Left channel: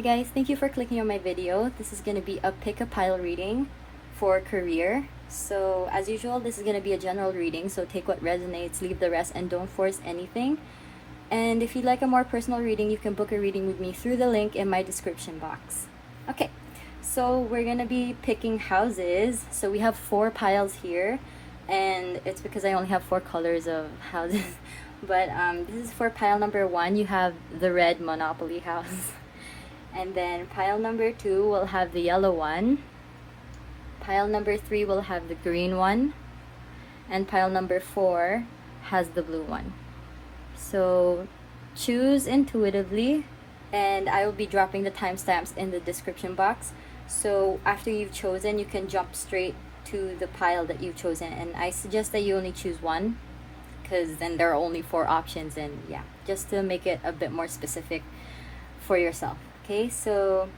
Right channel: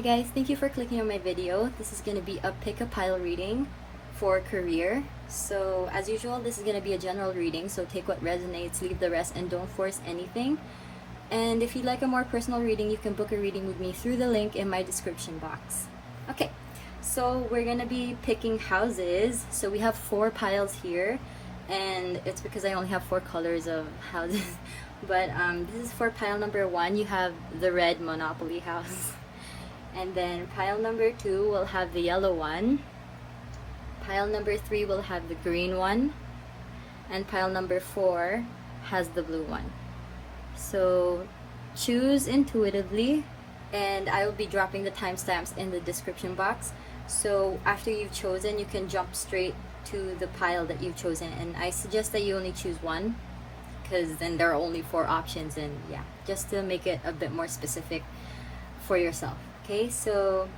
Hi guys, thank you for clicking on my video. This is going to be a pick a pile reading for career. So as usual, this is going to be a general reading, so take what resonates, leave the rest, and don't force anything. And if you'd like a more personal reading, you can book a reading with me through the link in my description box. Okay, so we're going to be picking houses. So we have 4 piles here, and it's because I only have 4 colors of houses. But this is for pile number 1. You have the red Monopoly house. And then pile number 2 will have the yellow one. Pile number 3 will have the green one. And pile number 4 has the blue one. So choose intuitively, and I will be dropping the timestamps in the description box. So after you've chosen, you can jump straight to the pile that you've chosen. And I suggest that you only choose one, because then there are only 4 options, and yeah, just to make it a bit more specific for yourself. Okay, so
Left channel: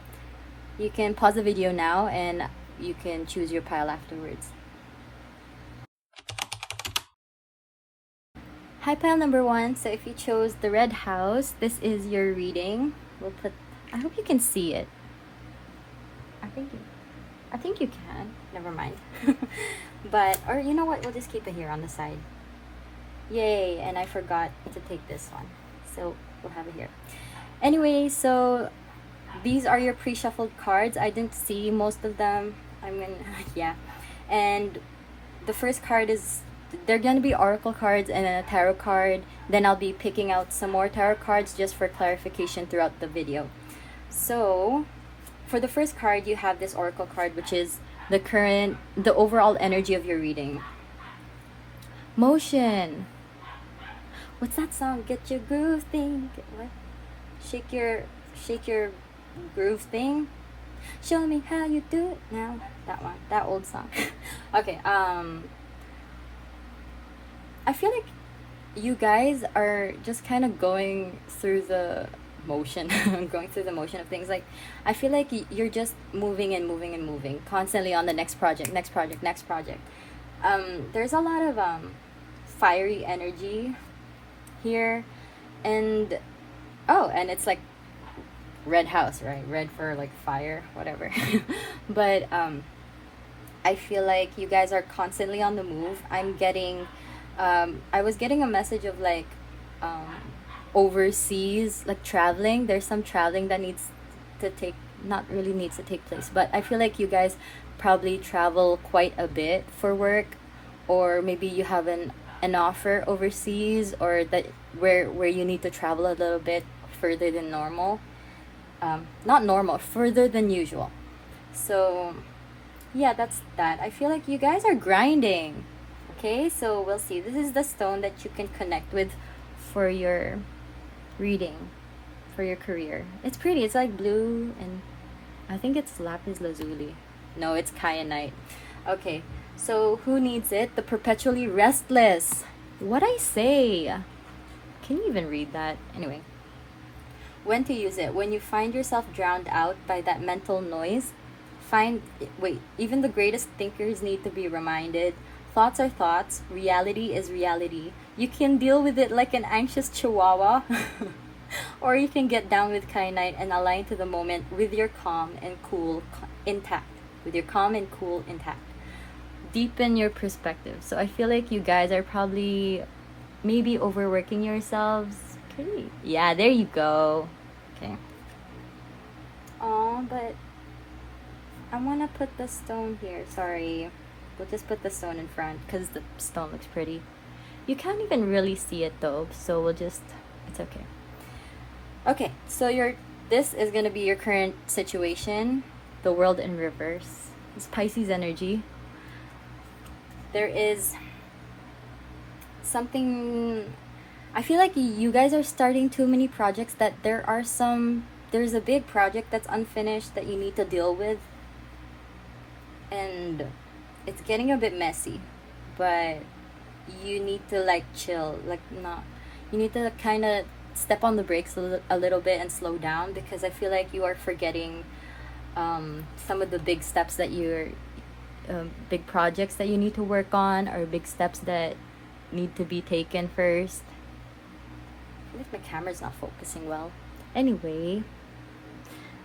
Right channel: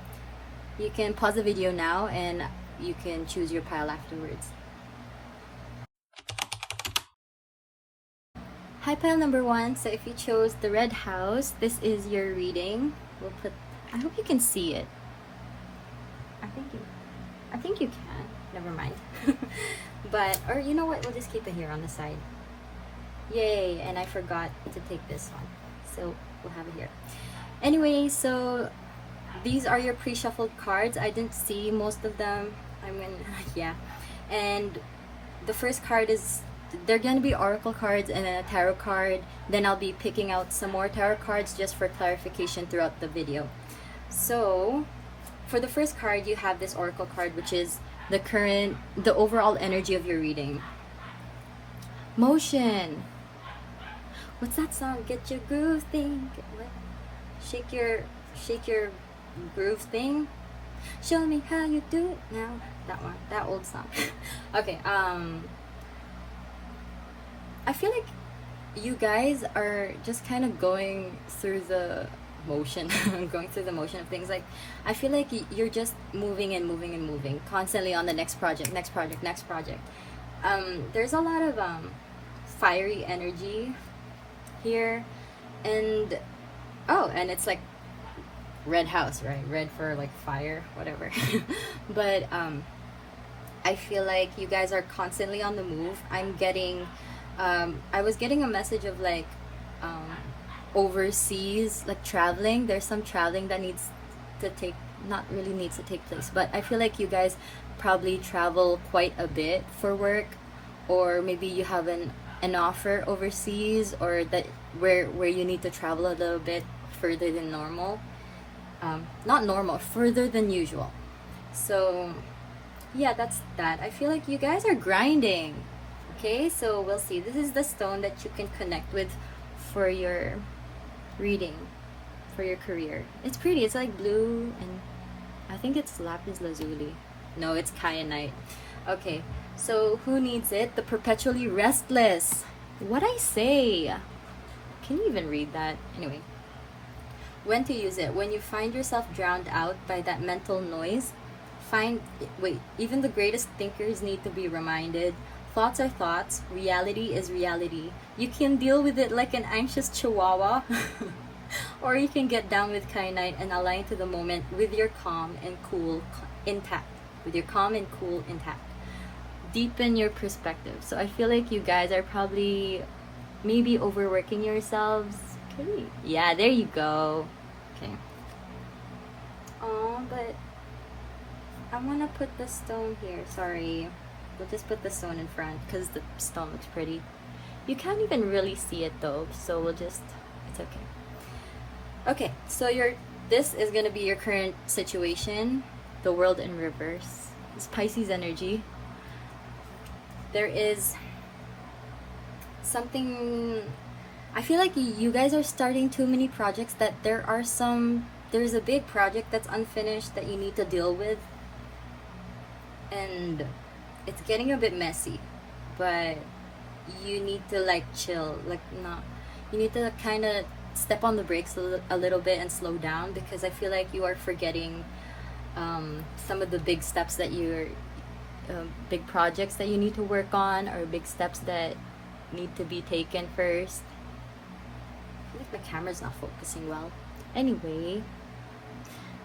you can pause the video now and you can choose your pile afterwards. Hi, pile number 1. So if you chose the red house, this is your reading. I hope you can see it. I think you can. Never mind. Or you know what? We'll just keep it here on the side. Yay! And I forgot to take this one, so we'll have it here. Anyway, so these are your pre-shuffled cards. I didn't see most of them. I mean, yeah. And the first card is, they're gonna be oracle cards and a tarot card. Then I'll be picking out some more tarot cards just for clarification throughout the video. So for the first card, you have this oracle card, which is the overall energy of your reading. Motion. What's that song? Get your groove thing. What? Shake your groove thing. Show me how you do it now. That one. That old song. Okay. I feel like you guys are just kind of going through the motion. Going through the motion of things. Like, I feel like you're just moving and moving and moving constantly on the next project. There's a lot of fiery energy here, and and it's like red house, right? Red for like fire, whatever. But I feel like you guys are constantly on the move. I'm getting I was getting a message of like overseas, like traveling. There's some traveling that not really needs to take place, but I feel like you guys probably travel quite a bit for work, or maybe you have an offer overseas, or that where you need to travel a little bit further than normal. Not normal, further than usual. So yeah, that's that. I feel like you guys are grinding. Okay, so we'll see. This is the stone that you can connect with for your reading, for your career. It's pretty. It's like blue, and I think it's lapis lazuli. No, it's kyanite. Okay, so who needs it? The perpetually restless. What'd I say? Can you even read that? Anyway. When to use it? When you find yourself drowned out by that mental noise, even the greatest thinkers need to be reminded. Thoughts are thoughts. Reality is reality. You can deal with it like an anxious chihuahua, or you can get down with kyanite and align to the moment with your calm and cool intact. Deepen your perspective. So I feel like you guys are probably maybe overworking yourselves. Okay. Yeah, there you go. Okay. Oh, but I want to put the stone here. Sorry. We'll just put the stone in front because the stone looks pretty. You can't even really see it though, so it's okay. Okay, so this is going to be your current situation. The world in reverse. It's Pisces energy. There is something, I feel like you guys are starting too many projects, that there's a big project that's unfinished that you need to deal with, and it's getting a bit messy, but you need to like chill, you need to kind of step on the brakes a little bit and slow down, because I feel like you are forgetting some of the big steps that big projects that you need to work on, or big steps that need to be taken first. I feel like my camera's not focusing well. Anyway,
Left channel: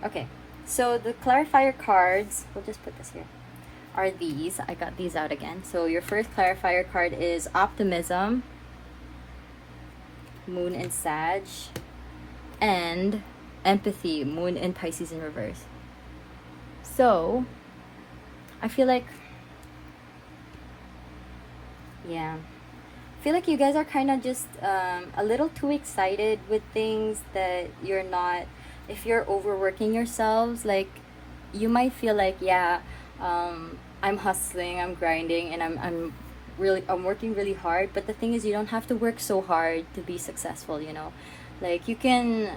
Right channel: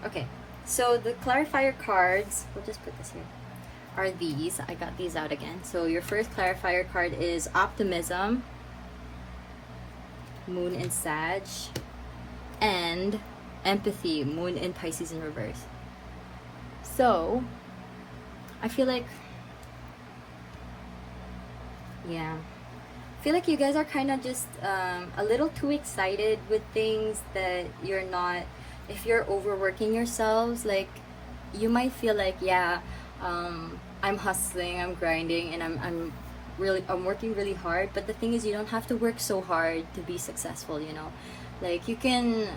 Okay, so the clarifier cards, we'll just put this here, are these. I got these out again. So your first clarifier card is optimism, moon in Sag, and empathy, moon in Pisces in reverse. So I feel like, yeah, I feel like you guys are kind of just a little too excited with things that you're not. If you're overworking yourselves, like, you might feel like, yeah, I'm hustling, I'm grinding, and I'm working really hard. But the thing is, you don't have to work so hard to be successful, you know. Like, you can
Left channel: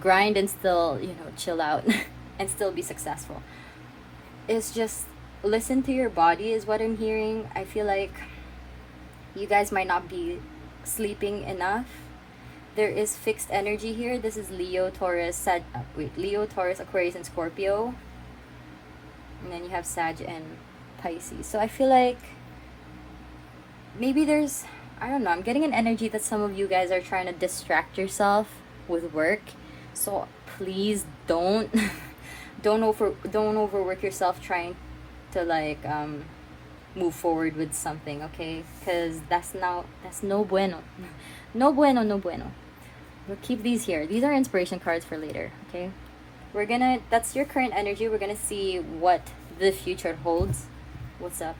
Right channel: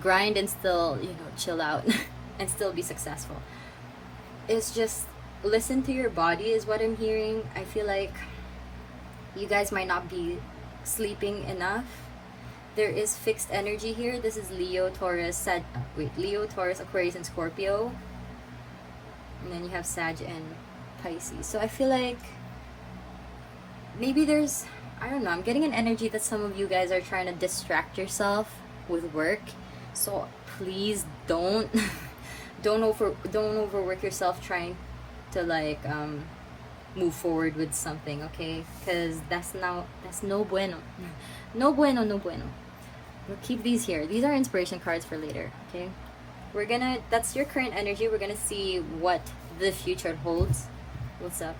grind and still, you know, chill out and still be successful. It's just, listen to your body is what I'm hearing. I feel like you guys might not be sleeping enough. There is fixed energy here. This is Leo, Taurus, Leo, Taurus, Aquarius, and Scorpio. And then you have Sag and Pisces. So I feel like maybe there's, I don't know, I'm getting an energy that some of you guys are trying to distract yourself with work. So please don't don't overwork yourself trying to, like, move forward with something, okay? Because that's no bueno. No bueno, no bueno. We'll keep these here. These are inspiration cards for later, okay? That's your current energy. We're gonna see what the future holds. What's up?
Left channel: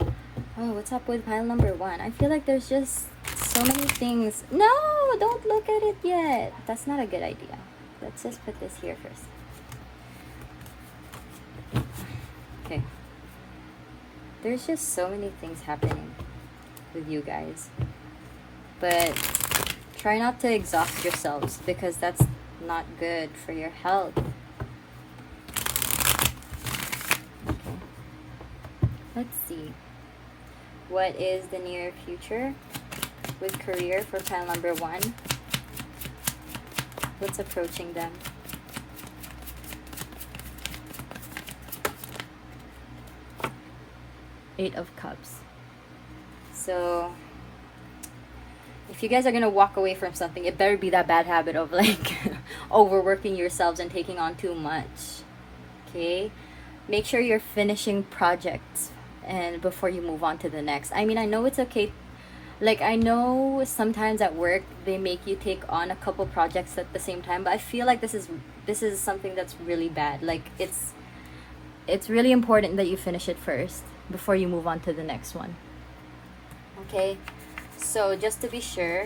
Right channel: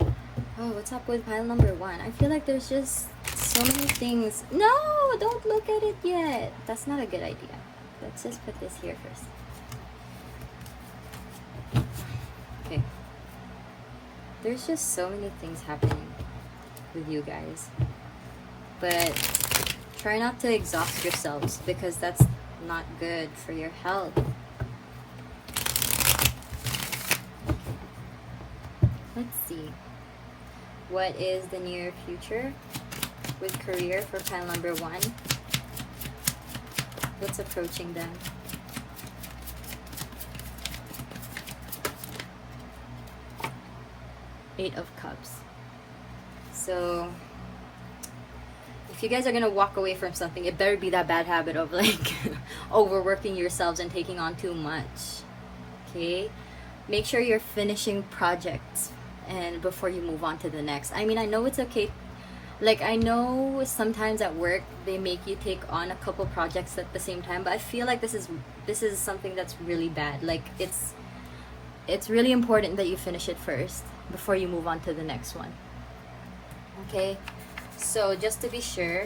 Oh, what's up with pile number 1? I feel like there's just so many things. No, don't look at it yet. That's not a good idea. Let's just put this here first. Okay. There's just so many things happening with you guys. But try not to exhaust yourselves, because that's not good for your health. Let's see. What is the near future with career for pile number 1? What's approaching them? Eight of Cups. So if you guys are gonna walk away from something, it better be that bad habit of, like, overworking yourselves and taking on too much. Okay, make sure you're finishing projects and before you move on to the next. I mean, I know it's okay. Like, I know sometimes at work they make you take on a couple projects at the same time, but I feel like this is something that's really bad. Like, it's really important that you finish it first before you move on to the next one. Okay, so just to be sure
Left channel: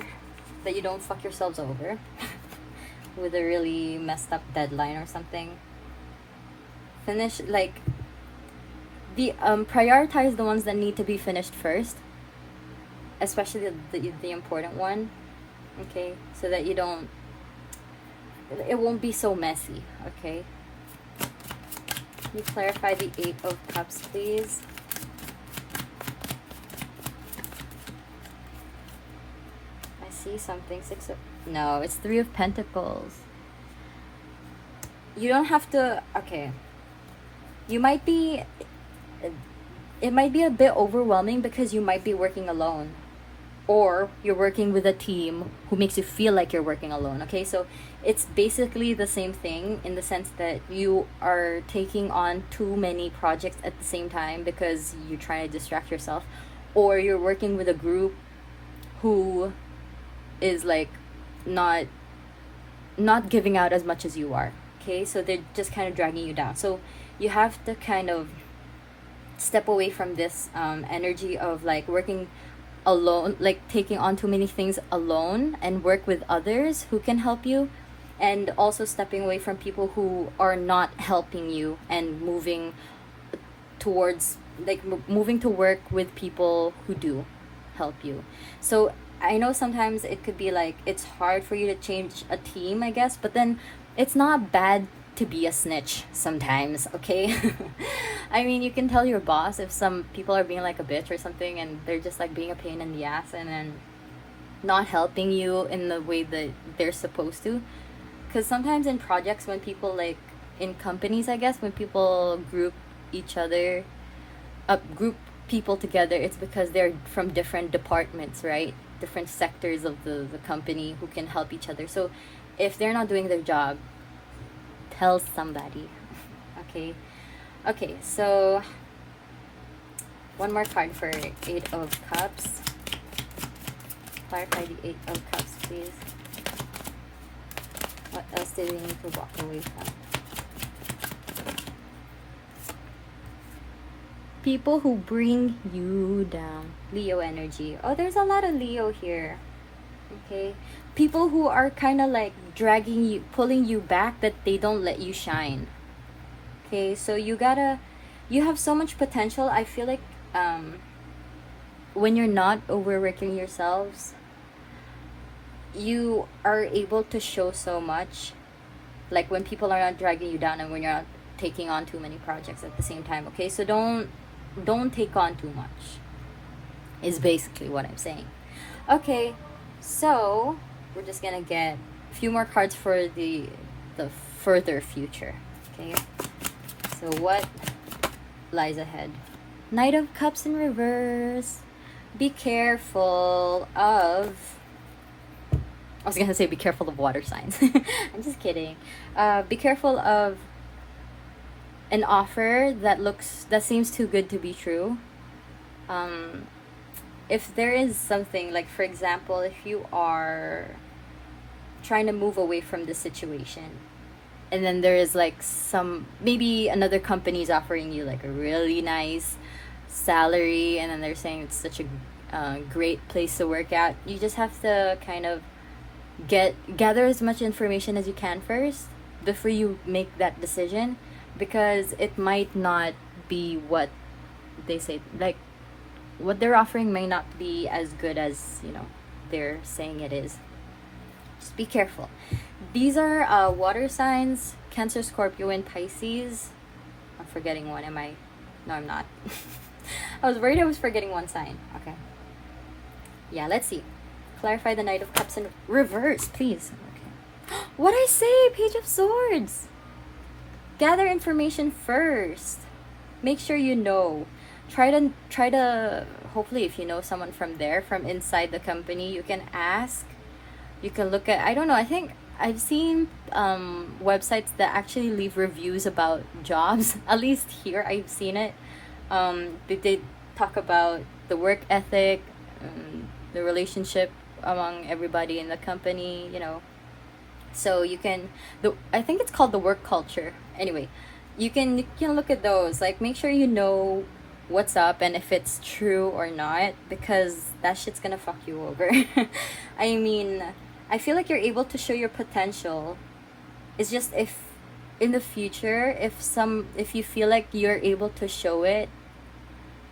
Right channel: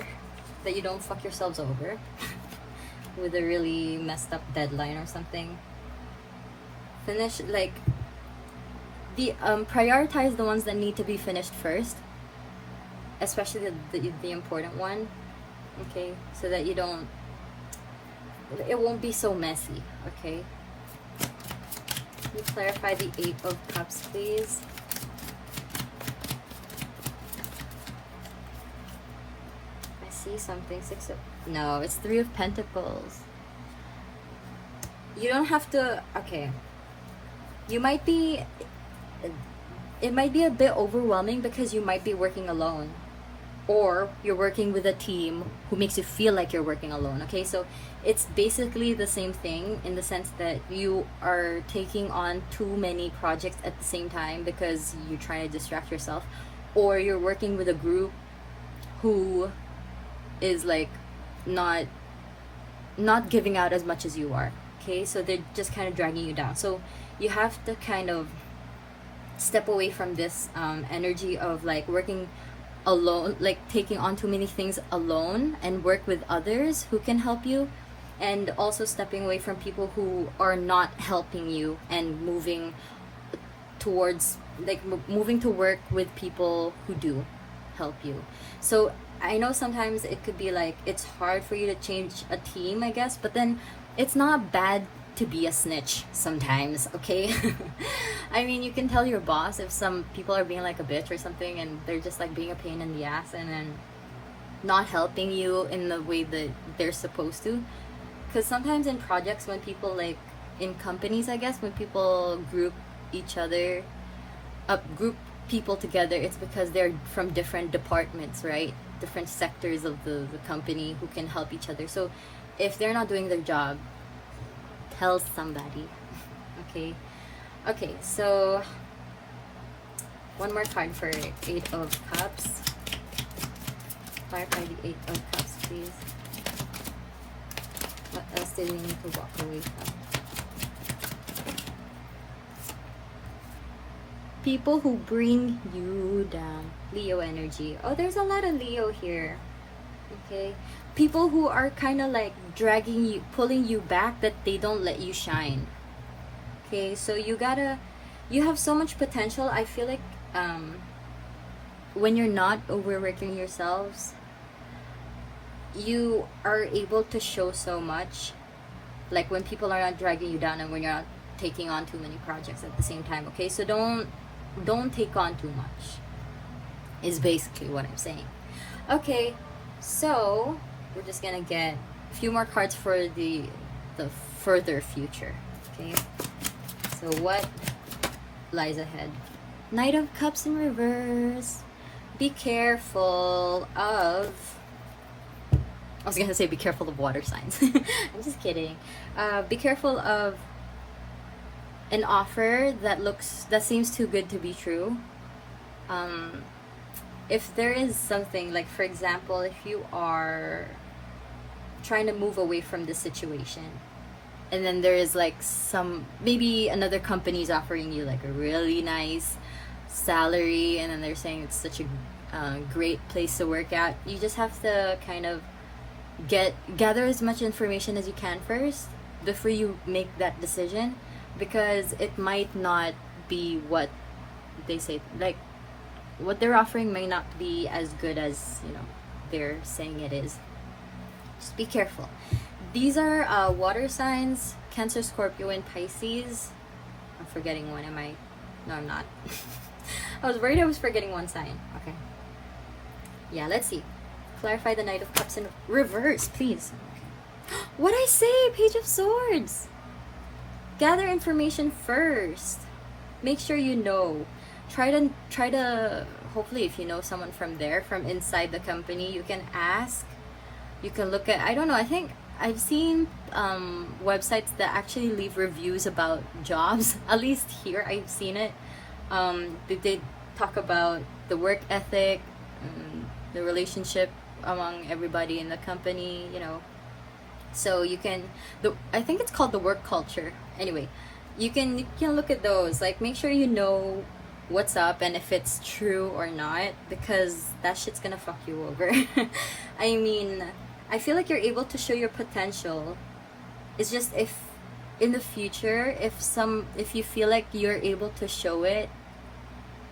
that you don't fuck yourselves over with a really messed up deadline or something, finish, like, the prioritize the ones that need to be finished first, especially the important one, okay, so that it won't be so messy. Okay, can you clarify the 8 of Cups, please? I see something. No, it's 3 of Pentacles. You don't have to. Okay, you might be, it might be a bit overwhelming because you might be working alone, or you're working with a team who makes you feel like you're working alone. Okay, so it's basically the same thing in the sense that you are taking on too many projects at the same time because you're trying to distract yourself, or you're working with a group who is, like, not giving out as much as you are. Okay, so they're just kind of dragging you down. So you have to kind of step away from this energy of, like, working alone, like taking on too many things alone, and work with others who can help you, and also stepping away from people who are not helping you, and moving towards, like, moving to work with people who do help you. So I know sometimes it could be like, it's hard for you to change a team, I guess, but then it's not bad to be a snitch sometimes, okay? I mean, you can tell your boss if some people are being like a bitch or something, and they're just, like, being a pain in the ass and then not helping you in the way that they're supposed to. Because sometimes in projects, when people, like, in companies, I guess, when people group people together, it's because they're from different departments, right? Different sectors of the company who can help each other. So if they're not doing their job, tell somebody. Okay. Okay, so one more card for Eight of Cups. Clarify the Eight of Cups, please. What else do they need to walk away from? People who bring you down. Leo energy. Oh, there's a lot of Leo here. Okay. People who are kind of like dragging you, pulling you back, that they don't let you shine. Okay, so you have so much potential. I feel like when you're not overworking yourselves, you are able to show so much. Like when people are not dragging you down and when you're not taking on too many projects at the same time. Okay, so don't take on too much, is basically what I'm saying. Okay, so we're just gonna get a few more cards for the further future. Okay, so what lies ahead? Knight of Cups in reverse. Be careful of, I was gonna say be careful of water signs. I'm just kidding. Be careful of an offer that seems too good to be true. If there is something, like for example, if you are trying to move away from the situation, and then there is like maybe another company's offering you like a really nice salary, and then they're saying it's such a great place to work at, you just have to kind of gather as much information as you can first before you make that decision, because it might not be what they say, like what they're offering may not be as good as, you know, they're saying it is. Just be careful. These are water signs: Cancer, Scorpio, and Pisces. I'm forgetting one. Am I? No, I'm not. I was worried I was forgetting one sign. Okay. Yeah, let's see. Clarify the Knight of Cups in reverse, please. Okay. What I say? Page of Swords. Gather information first. Make sure you know. Try to hopefully, if you know someone from inside the company, you can ask. You can look at, I don't know, I think I've seen websites that actually leave reviews about jobs. At least here I've seen it. They talk about the work ethic, the relationship among everybody in the company, you know. So you can, I think it's called the work culture. Anyway, you can look at those. Like, make sure you know what's up and if it's true or not, because that shit's gonna fuck you over. I mean, I feel like you're able to show your potential. It's just if in the future, if you feel like you're able to show it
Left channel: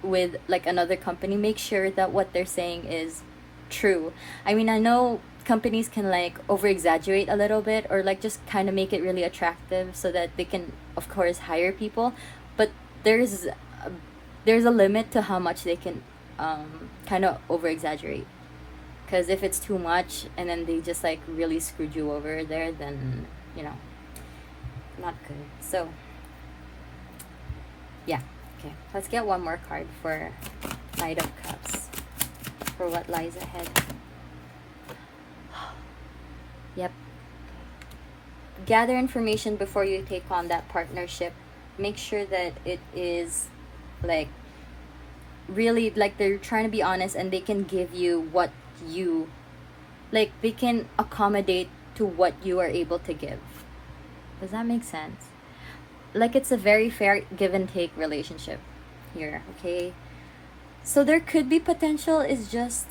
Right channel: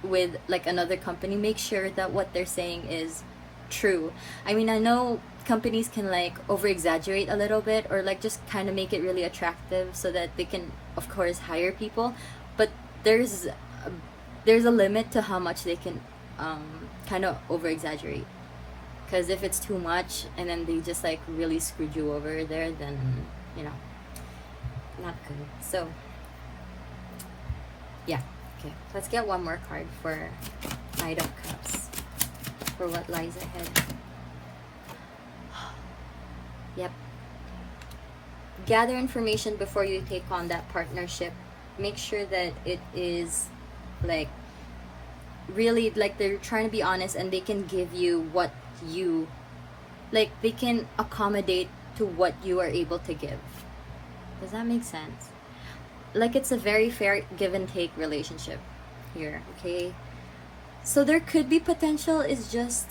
with like another company, make sure that what they're saying is true. I mean, I know companies can like over exaggerate a little bit, or like just kind of make it really attractive so that they can of course hire people, but there's a limit to how much they can kind of over exaggerate, because if it's too much and then they just like really screwed you over there, then you know, not good. So yeah. Okay, let's get one more card for Knight of Cups for what lies ahead. Yep. Gather information before you take on that partnership. Make sure that it is like really, like they're trying to be honest and they can give you what you like, they can accommodate to what you are able to give. Does that make sense? Like, it's a very fair give and take relationship here. Okay, so there could be potential. It's just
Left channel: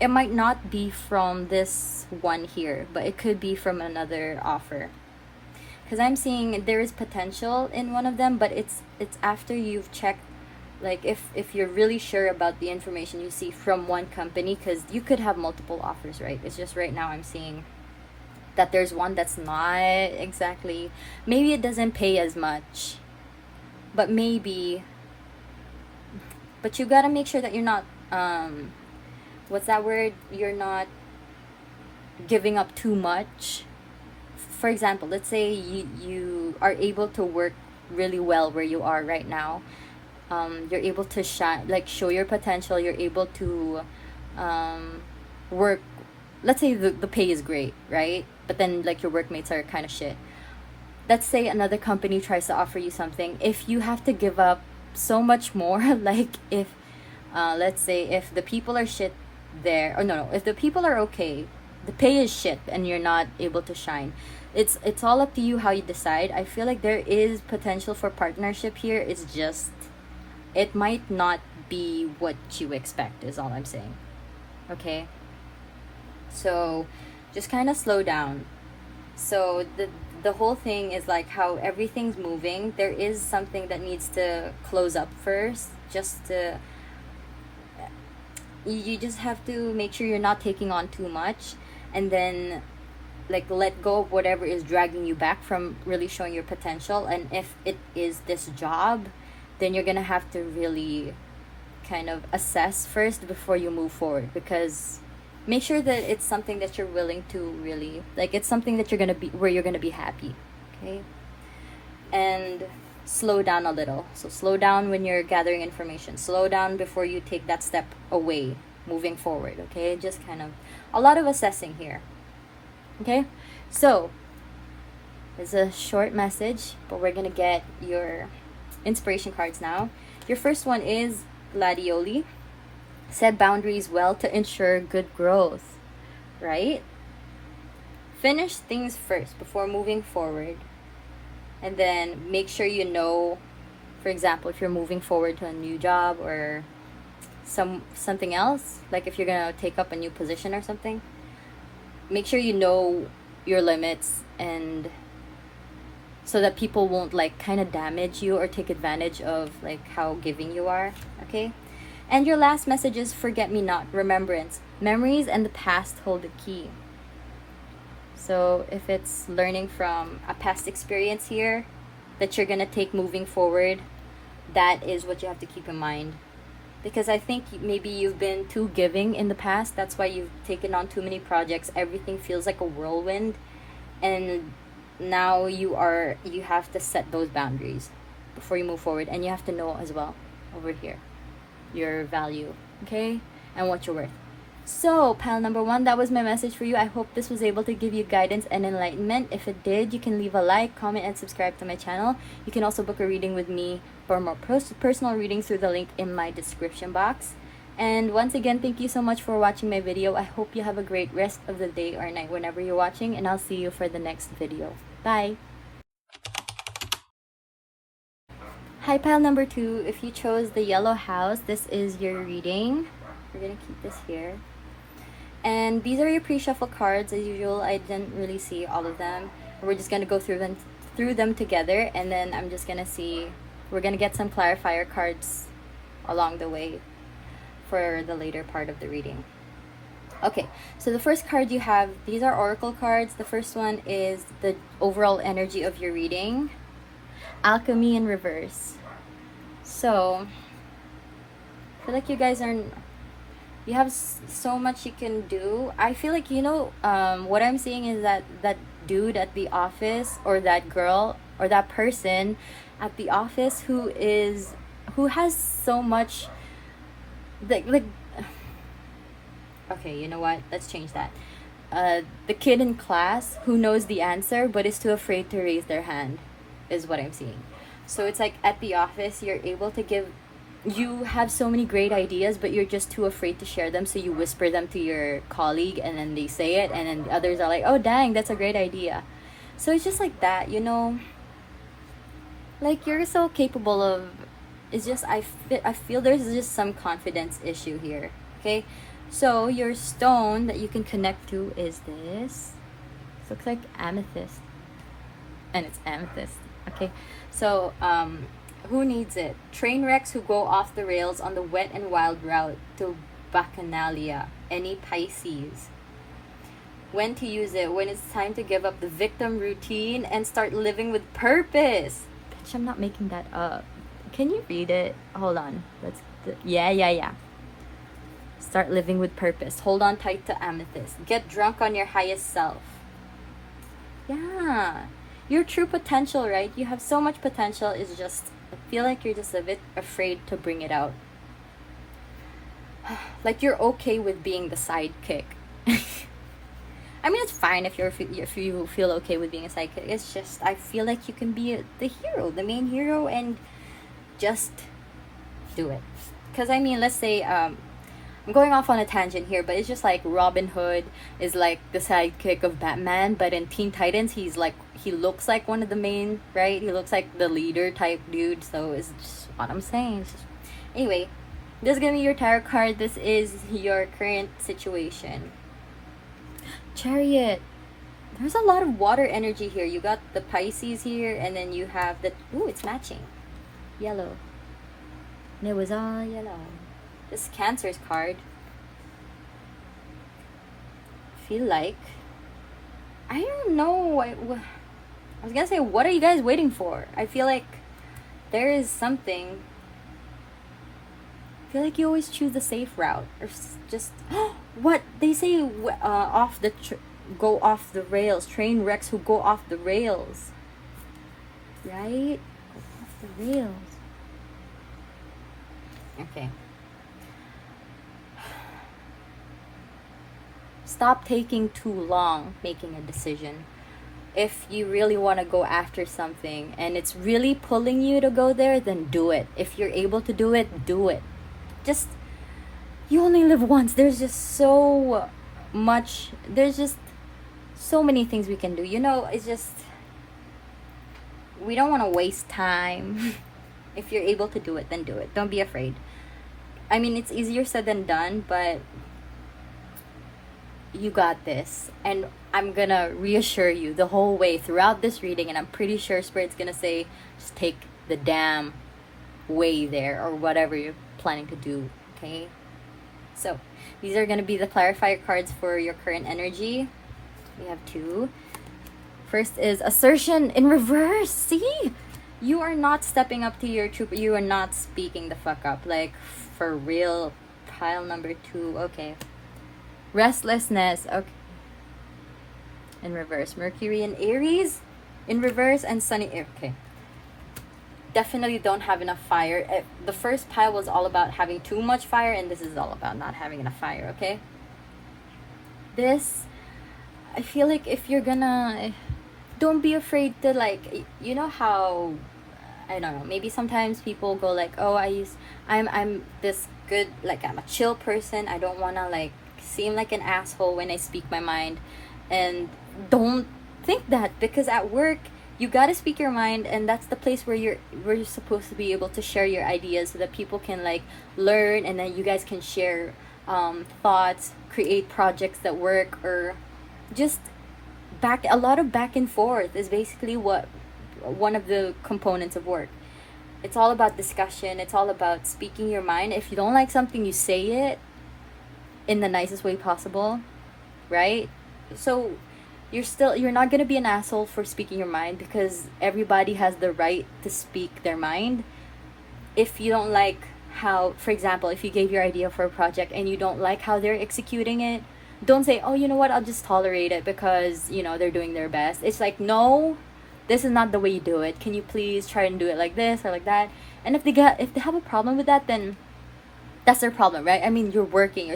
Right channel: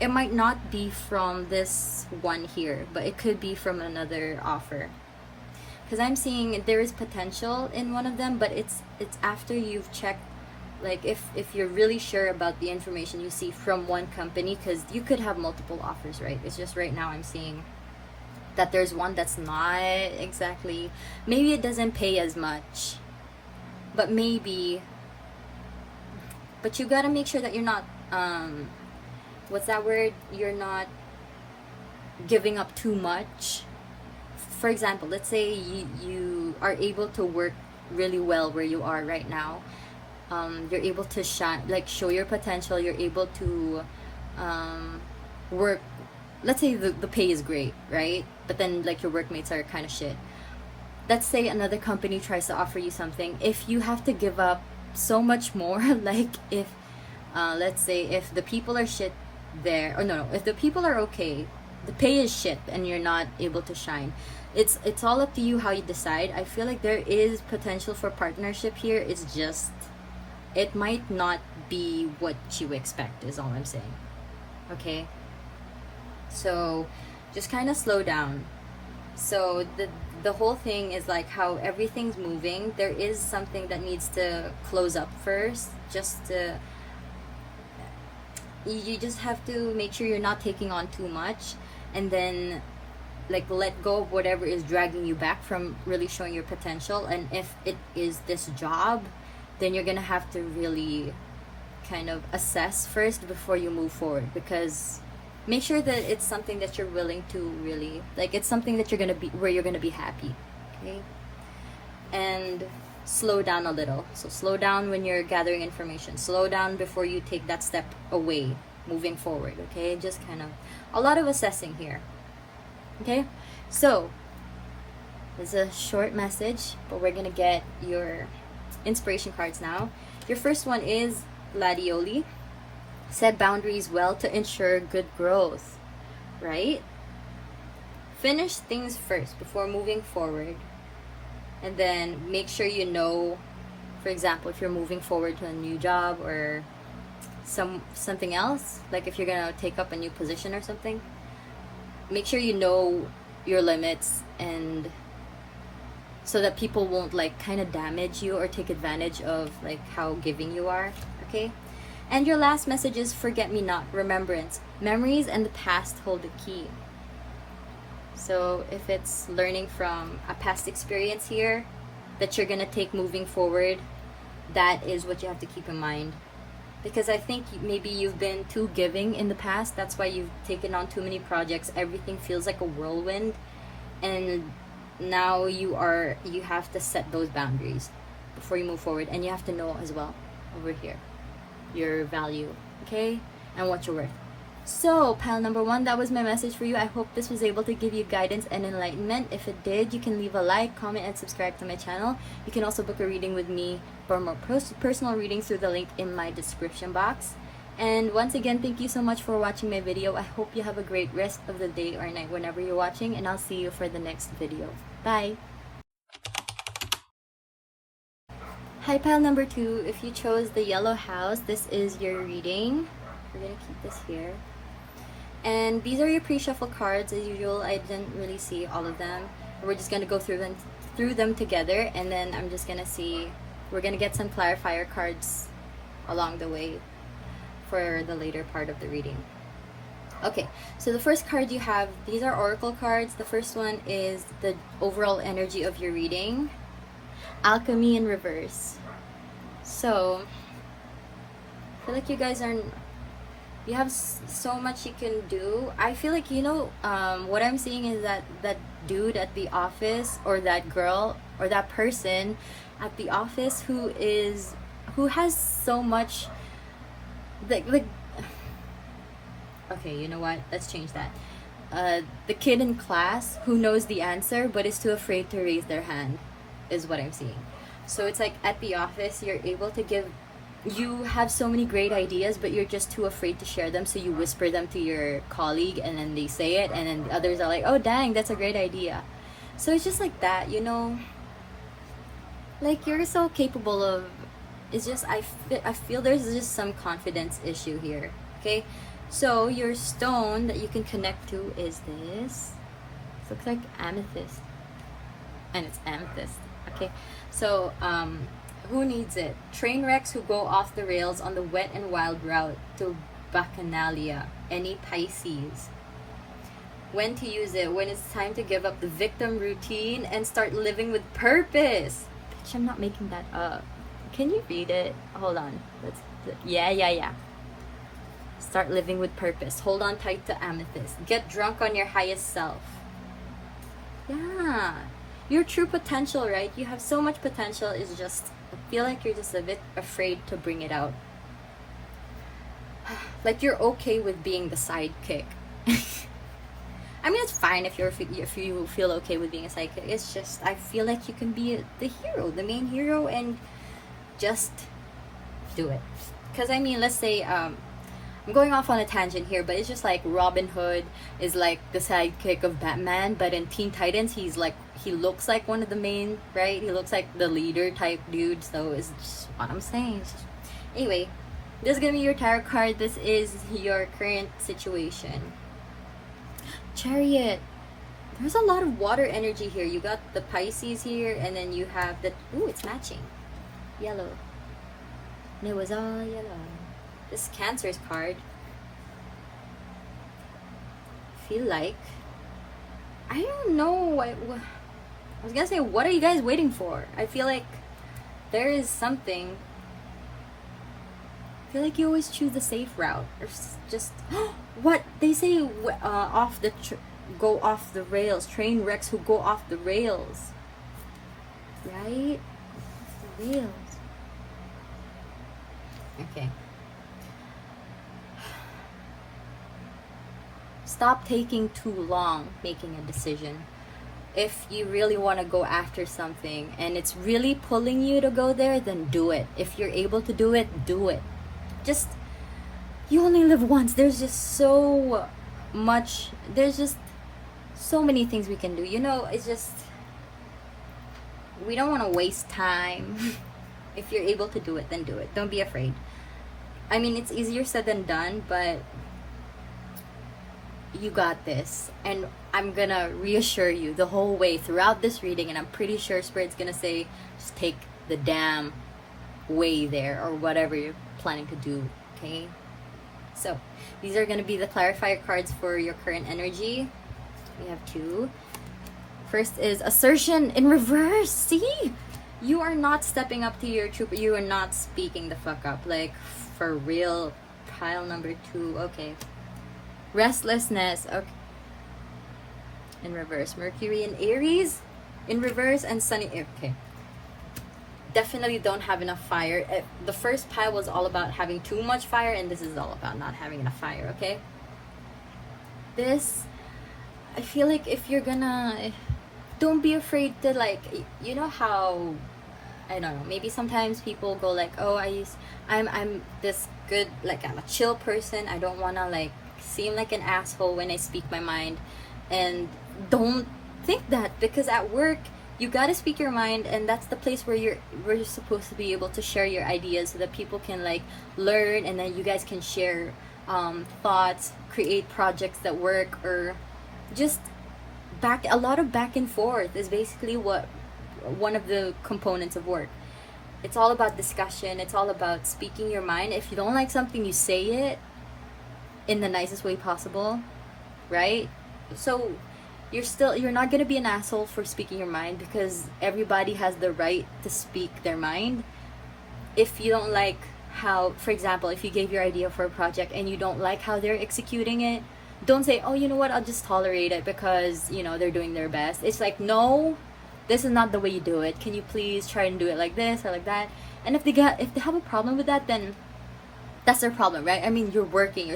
it might not be from this one here, but it could be from another offer, because I'm seeing there is potential in one of them, but it's after you've checked, like if you're really sure about the information you see from one company, because you could have multiple offers, right? It's just right now I'm seeing that there's one that's not exactly, maybe it doesn't pay as much, but maybe, but you gotta make sure that you're not what's that word, you're not giving up too much. For example, let's say you are able to work really well where you are right now. You're able to shine, like show your potential. You're able to work let's say the pay is great, right? But then like your workmates are kind of shit. Let's say another company tries to offer you something. If you have to give up so much more, like if, let's say if the people are shit there, or no, if the people are okay, the pay is shit and you're not able to shine. It's all up to you how you decide. I feel like there is potential for partnership here. It's just, it might not be what you expect is all I'm saying. Okay? So just kind of slow down. So the whole thing is like how everything's moving. There is something that needs to close up first, just to, you just have to make sure you're not taking on too much, and then like let go of whatever is dragging you back from really showing your potential. And if it is this job, then you're gonna have to really kind of assess first before you move forward, because make sure that it's something that you're willing to really like, it's something that you're gonna be, where you're gonna be happy. Okay? And slow down a little. So slow down when you're gathering information, slow down before you take that step away moving forward. Okay? Just kind of a lot of assessing here. Okay, so it's a short message, but we're gonna get your inspiration cards now. Your first one is Gladioli. Set boundaries well to ensure good growth, right? Finish things first before moving forward, and then make sure you know, for example, if you're moving forward to a new job or something else, like if you're gonna take up a new position or something, make sure you know your limits, and so that people won't like kind of damage you or take advantage of like how giving you are. Okay? And your last message is forget me not, remembrance. Memories and the past hold the key. So if it's learning from a past experience here that you're gonna take moving forward, that is what you have to keep in mind. Because I think maybe you've been too giving in the past. That's why you've taken on too many projects. Everything feels like a whirlwind. And now you have to set those boundaries before you move forward. And you have to know as well over here your value, okay? And what you're worth. So, pile number 1, that was my message for you. I hope this was able to give you guidance and enlightenment. If it did, you can leave a like, comment, and subscribe to my channel. You can also book a reading with me for more personal readings through the link in my description box. And once again, thank you so much for watching my video. I hope you have a great rest of the day or night whenever you're watching, and I'll see you for the next video. Bye! Hi, pile number 2. If you chose the yellow house, this is your reading. We're gonna keep this here. And these are your pre-shuffle cards. As usual, I didn't really see all of them. We're just gonna go through them together, and then I'm just gonna see, we're gonna get some clarifier cards along the way for the later part of the reading. Okay, so the first card you have, these are oracle cards. The first one is the overall energy of your reading. Alchemy in reverse. So I feel like you guys are, you have so much you can do. I feel like, you know, what I'm seeing is that that dude at the office, or that girl, or that person at the office who has so much, like okay, you know what, let's change that. The kid in class who knows the answer but is too afraid to raise their hand is what I'm seeing. So it's like at the office, you're able to give, you have so many great ideas, but you're just too afraid to share them, so you whisper them to your colleague, and then they say it, and then the others are like, oh dang, that's a great idea. So it's just like that, you know, like you're so capable of, it's just, I feel there's just some confidence issue here. Okay, so your stone that you can connect to is this. This looks like amethyst, and it's amethyst. Okay, so who needs it? Train wrecks who go off the rails on the wet and wild route to Bacchanalia. Any Pisces? When to use it? When it's time to give up the victim routine and start living with purpose. Bitch, I'm not making that up. Can you read it? Hold on. Yeah. Start living with purpose. Hold on tight to amethyst. Get drunk on your highest self. Yeah. Your true potential, right? You have so much potential. It's just, I feel like you're just a bit afraid to bring it out. Like you're okay with being the sidekick. I mean, it's fine if you feel okay with being a psychic. It's just, I feel like you can be the hero, the main hero, and just do it. Because I mean, let's say I'm going off on a tangent here, but it's just like Robin Hood is like the sidekick of Batman, but in Teen Titans he looks like one of the main, right? He looks like the leader type dude. So it's just what I'm saying. Anyway, this is gonna be your tarot card. This is your current situation. Chariot. There's a lot of water energy here. You got the Pisces here, and then you have the, ooh, it's matching, yellow. And it was all yellow. This is Cancer's card. I feel like, I don't know, I was gonna say, what are you guys waiting for? I feel like there is something. I feel like you always choose the safe route, or just what they say, go off the rails. Train wrecks who go off the rails, right? Off the rails. Okay. Stop taking too long making a decision. If you really want to go after something and it's really pulling you to go there, then do it. If you're able to do it, do it. Just, you only live once. There's just so much, there's just so many things we can do. You know, it's just, we don't want to waste time. If you're able to do it, then do it. Don't be afraid. I mean, it's easier said than done, but you got this. And I'm gonna reassure you the whole way throughout this reading, and I'm pretty sure Spirit's gonna say, just take the damn way there, or whatever you're planning to do. Okay, so these are gonna be the clarifier cards for your current energy. We have two. First is assertion in reverse. See, you are not stepping up to your truth. You are not speaking the fuck up, like for real. Pile number two. Okay, restlessness. Okay, in reverse. Mercury in Aries in reverse, and Sunny. Okay, definitely don't have enough fire. The first pile was all about having too much fire, and this is all about not having enough fire. Okay, this, I feel like if you're gonna, don't be afraid to, like, you know how, I don't know, maybe sometimes people go like, oh, I'm this good, like, I'm a chill person, I don't wanna like seem like an asshole when I speak my mind. And don't think that, because at work you gotta speak your mind, and that's the place where you're supposed to be able to share your ideas so that people can like learn, and then you guys can share thoughts, create projects that work, or just a lot of back and forth is basically what one of the components of work. It's all about discussion. It's all about speaking your mind. If you don't like something, you say it in the nicest way possible, right? So you're not gonna be an asshole for speaking your mind, because everybody has the right to speak their mind. If you don't like how, for example, if you gave your idea for a project and you don't like how they're executing it, don't say, oh, you know what, I'll just tolerate it because, you know, they're doing their best. It's like, no, this is not the way you do it. Can you please try and do it like this or like that? And if they have a problem with that, then that's their problem, right? I mean, you're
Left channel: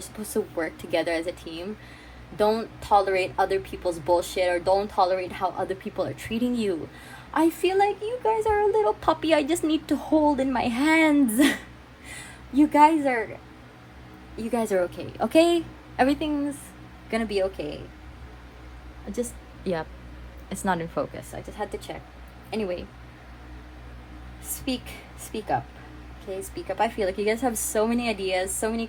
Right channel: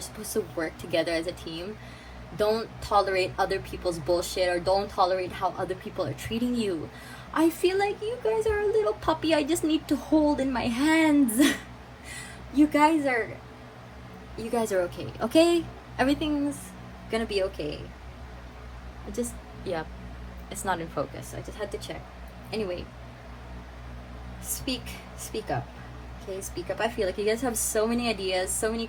supposed to work together as a team. Don't tolerate other people's bullshit, or don't tolerate how other people are treating you. I feel like you guys are a little puppy I just need to hold in my hands. You guys are okay, okay? Everything's gonna be okay. Yeah, it's not in focus. I just had to check. Anyway, speak up. Okay, speak up. I feel like you guys have so many ideas, so many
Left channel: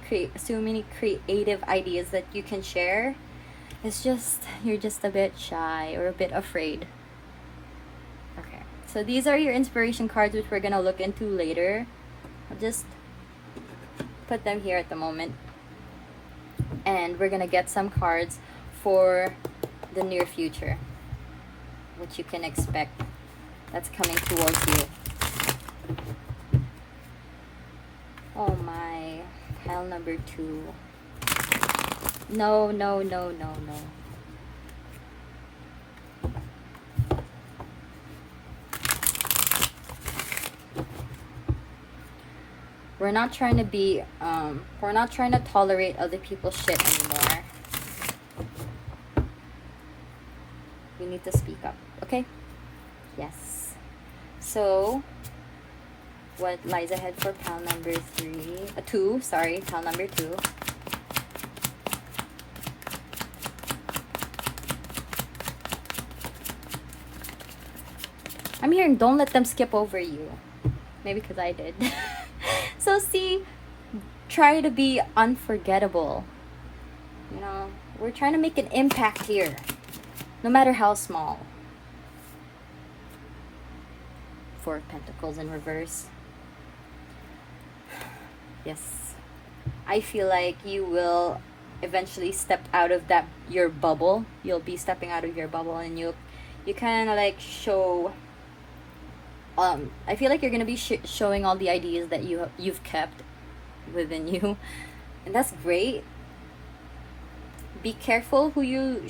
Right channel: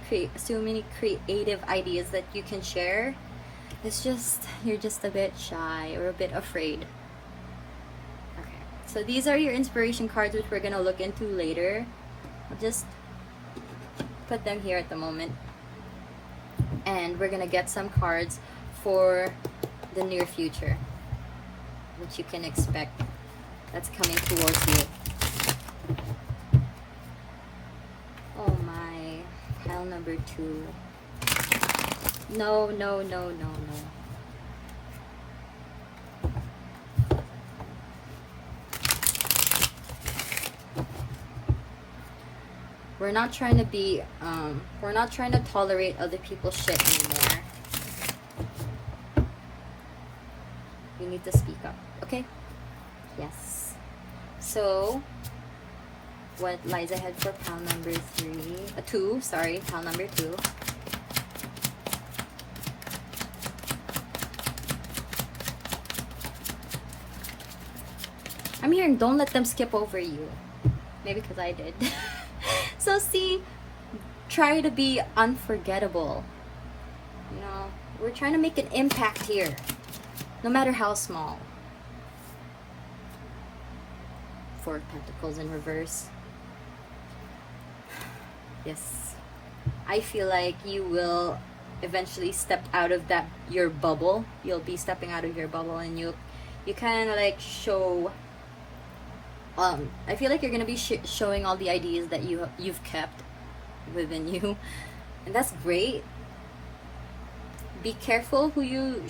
creative ideas that you can share. It's just, you're just a bit shy or a bit afraid. Okay, so these are your inspiration cards, which we're gonna look into later. I'll just put them here at the moment. And we're gonna get some cards for the near future, what you can expect that's coming towards you. Oh my, pile number two. No. We're not trying to be, we're not trying to tolerate other people's shit anymore. need to speak up. Okay? Yes. So, what lies ahead for pile number 2? Sorry, pile number 2. I'm hearing don't let them skip over you. Maybe because I did. So see, try to be unforgettable. You know, we're trying to make an impact here, no matter how small. 4 of Pentacles in reverse. Yes. I feel like you will eventually step out of your bubble. You'll be stepping out of your bubble, and you kind of like show. I feel like you're gonna be showing all the ideas that you've kept within you, and that's great. Be careful who you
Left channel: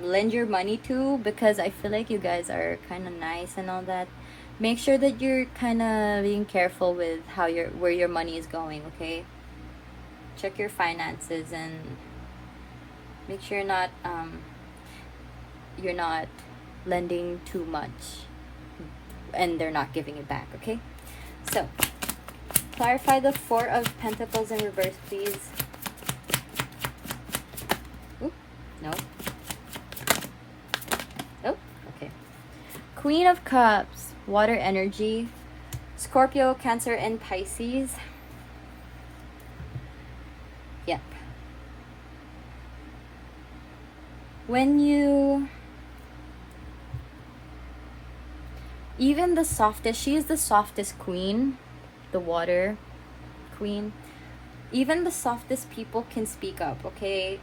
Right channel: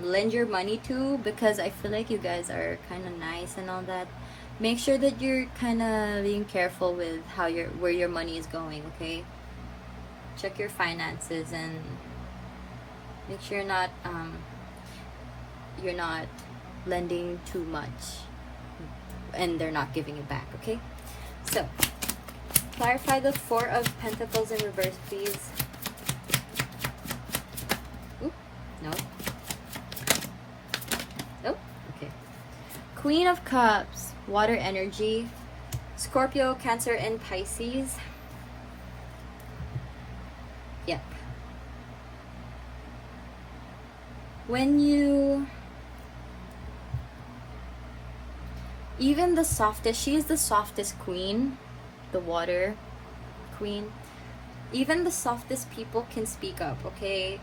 lend your money to, because I feel like you guys are kind of nice and all that. Make sure that you're kind of being careful with where your money is going. Okay, check your finances and make sure you're not lending too much and they're not giving it back. Okay, so clarify the 4 of Pentacles in reverse, please. Ooh, no. Oh, okay. Queen of Cups, water energy, Scorpio, Cancer, and Pisces. Yep. When you... Even the softest, she is the softest queen, the water queen. Even the softest people can speak up, okay?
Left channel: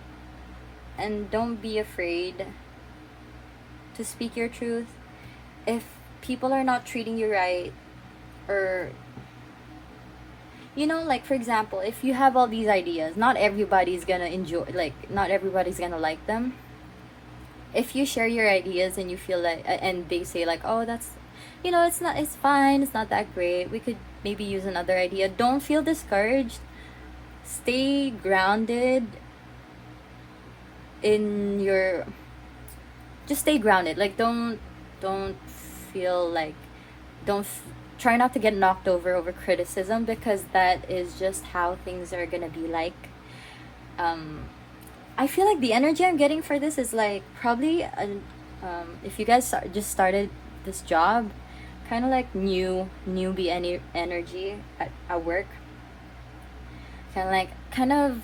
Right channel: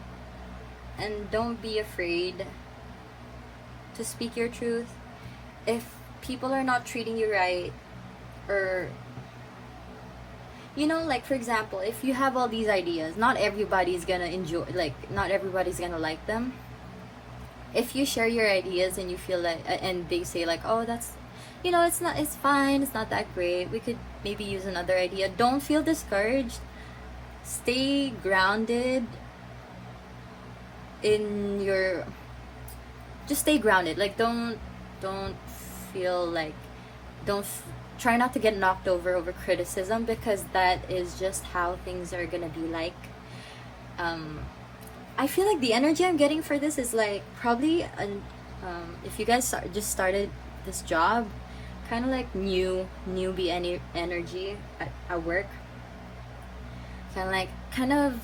And don't be afraid to speak your truth. If people are not treating you right, or, you know, like for example, if you have all these ideas, not everybody's gonna enjoy, like, not everybody's gonna like them. If you share your ideas and you feel like, and they say like, oh, that's, you know, it's fine, it's not that great, we could maybe use another idea. Don't feel discouraged. Stay grounded in your, just stay grounded. Like, don't feel like, try not to get knocked over criticism, because that is just how things are gonna be like. I feel like the energy I'm getting for this is like probably if you guys just started this job, kind of like newbie energy at work, kind of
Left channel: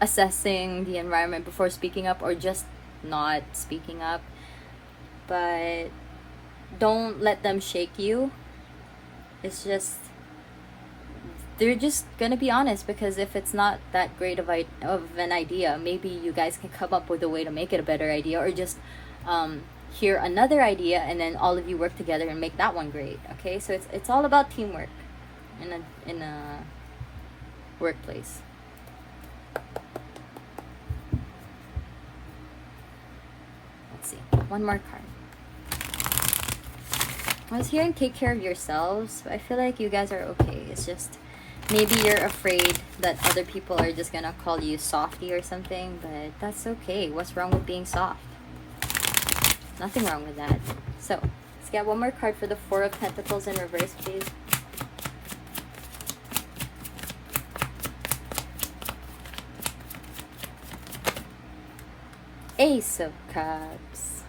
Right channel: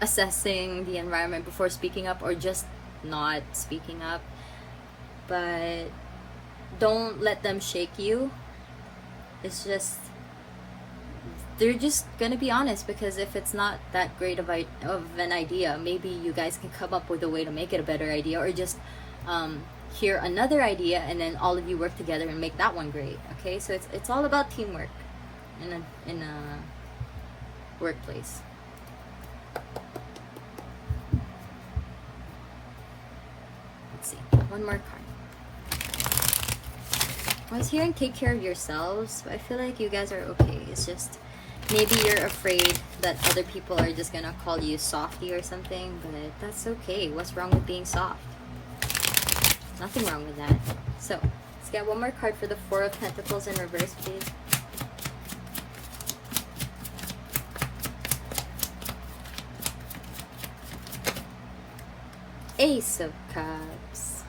assessing the environment before speaking up, or just not speaking up. But don't let them shake you. It's just, they're just gonna be honest, because if it's not that great of an idea, maybe you guys can come up with a way to make it a better idea, or just hear another idea and then all of you work together and make that one great. Okay, so it's all about teamwork in a workplace. Let's see, one more card. I was hearing take care of yourselves, but I feel like you guys are okay. It's just maybe you're afraid that other people are just gonna call you softy or something, but that's okay. What's wrong with being soft? Nothing wrong with that. So let's get one more card for the 4 of Pentacles in reverse, please. Ace of Cups.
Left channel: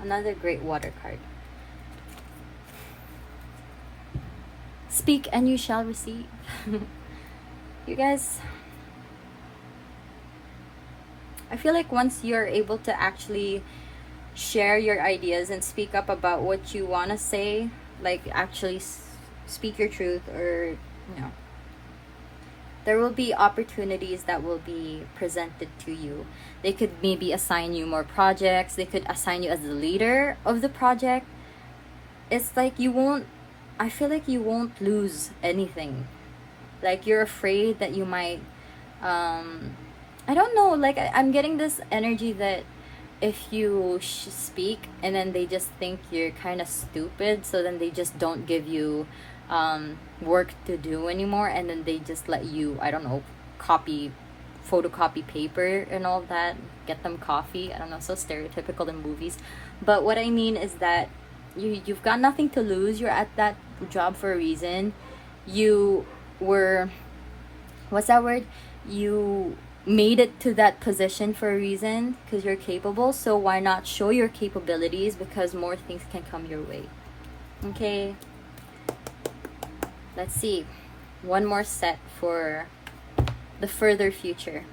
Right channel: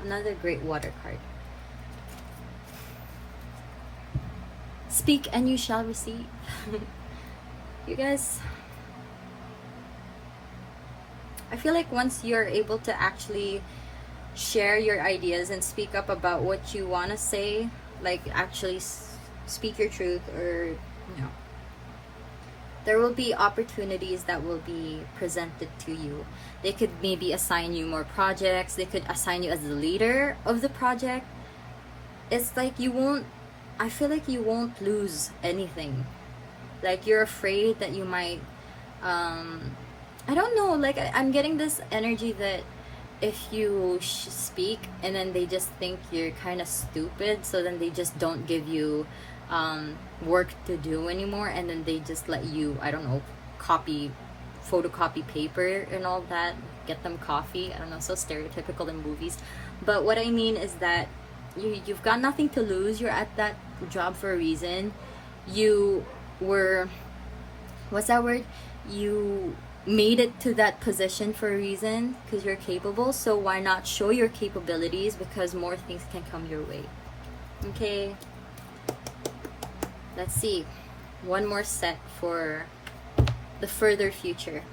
Another great water card. Speak and you shall receive. You guys, I feel like once you're able to actually share your ideas and speak up about what you want to say, like actually speak your truth, or, you know, there will be opportunities that will be presented to you. They could maybe assign you more projects. They could assign you as the leader of the project. It's like I feel like you won't lose anything. Like, you're afraid that you might, I don't know, like I'm getting this energy that if you speak and then they just think you're kind of stupid, so then they just don't give you work to do anymore, and then they just let you, I don't know, copy photocopy paper and all that, get them coffee. I don't know, so stereotypical in movies. But what I mean is that you've got nothing to lose. You're at that job for a reason. You were, what's that word? You made it to that position for a reason, because you're capable. So why not show your capabilities, because more things can come your way. Okay, let's see. One more set for the further future.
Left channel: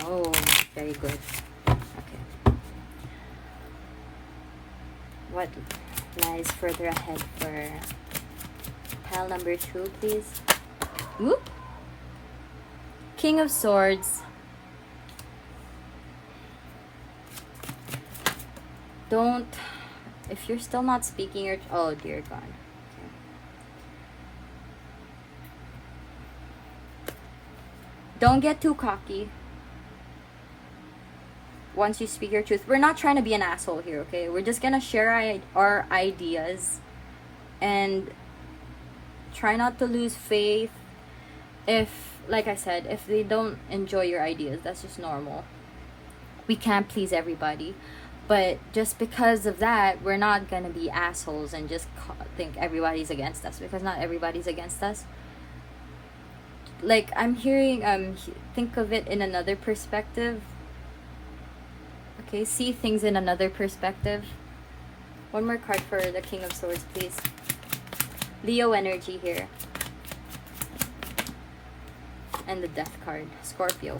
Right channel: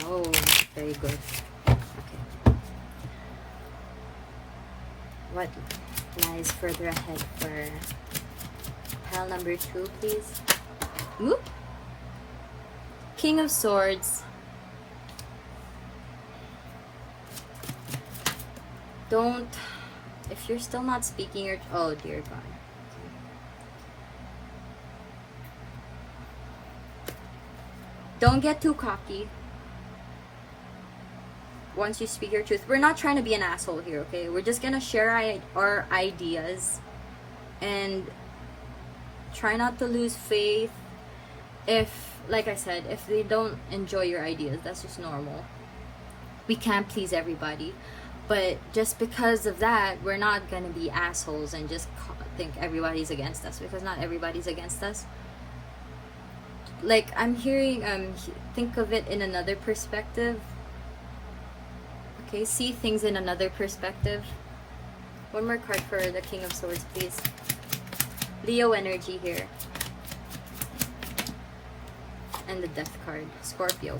No, very good. Okay. What lies further ahead for pile number 2, please? Whoop. King of Swords. Don't, if you're still not speaking your, oh dear God. Okay. Don't get too cocky once you speak your truth. We're not trying to be an asshole here, okay? We're just gonna share our ideas and try not to lose faith. If, like I said, if they don't enjoy your ideas, that's just normal. We can't please everybody. But just because of that, we're not gonna be assholes and just think everybody's against us, because not everybody's against us. Like, I'm hearing, think of it in another perspective. Okay, see things in another perspective. One more card for the King of Swords, please. Leo energy here. And the Death card, Scorpio.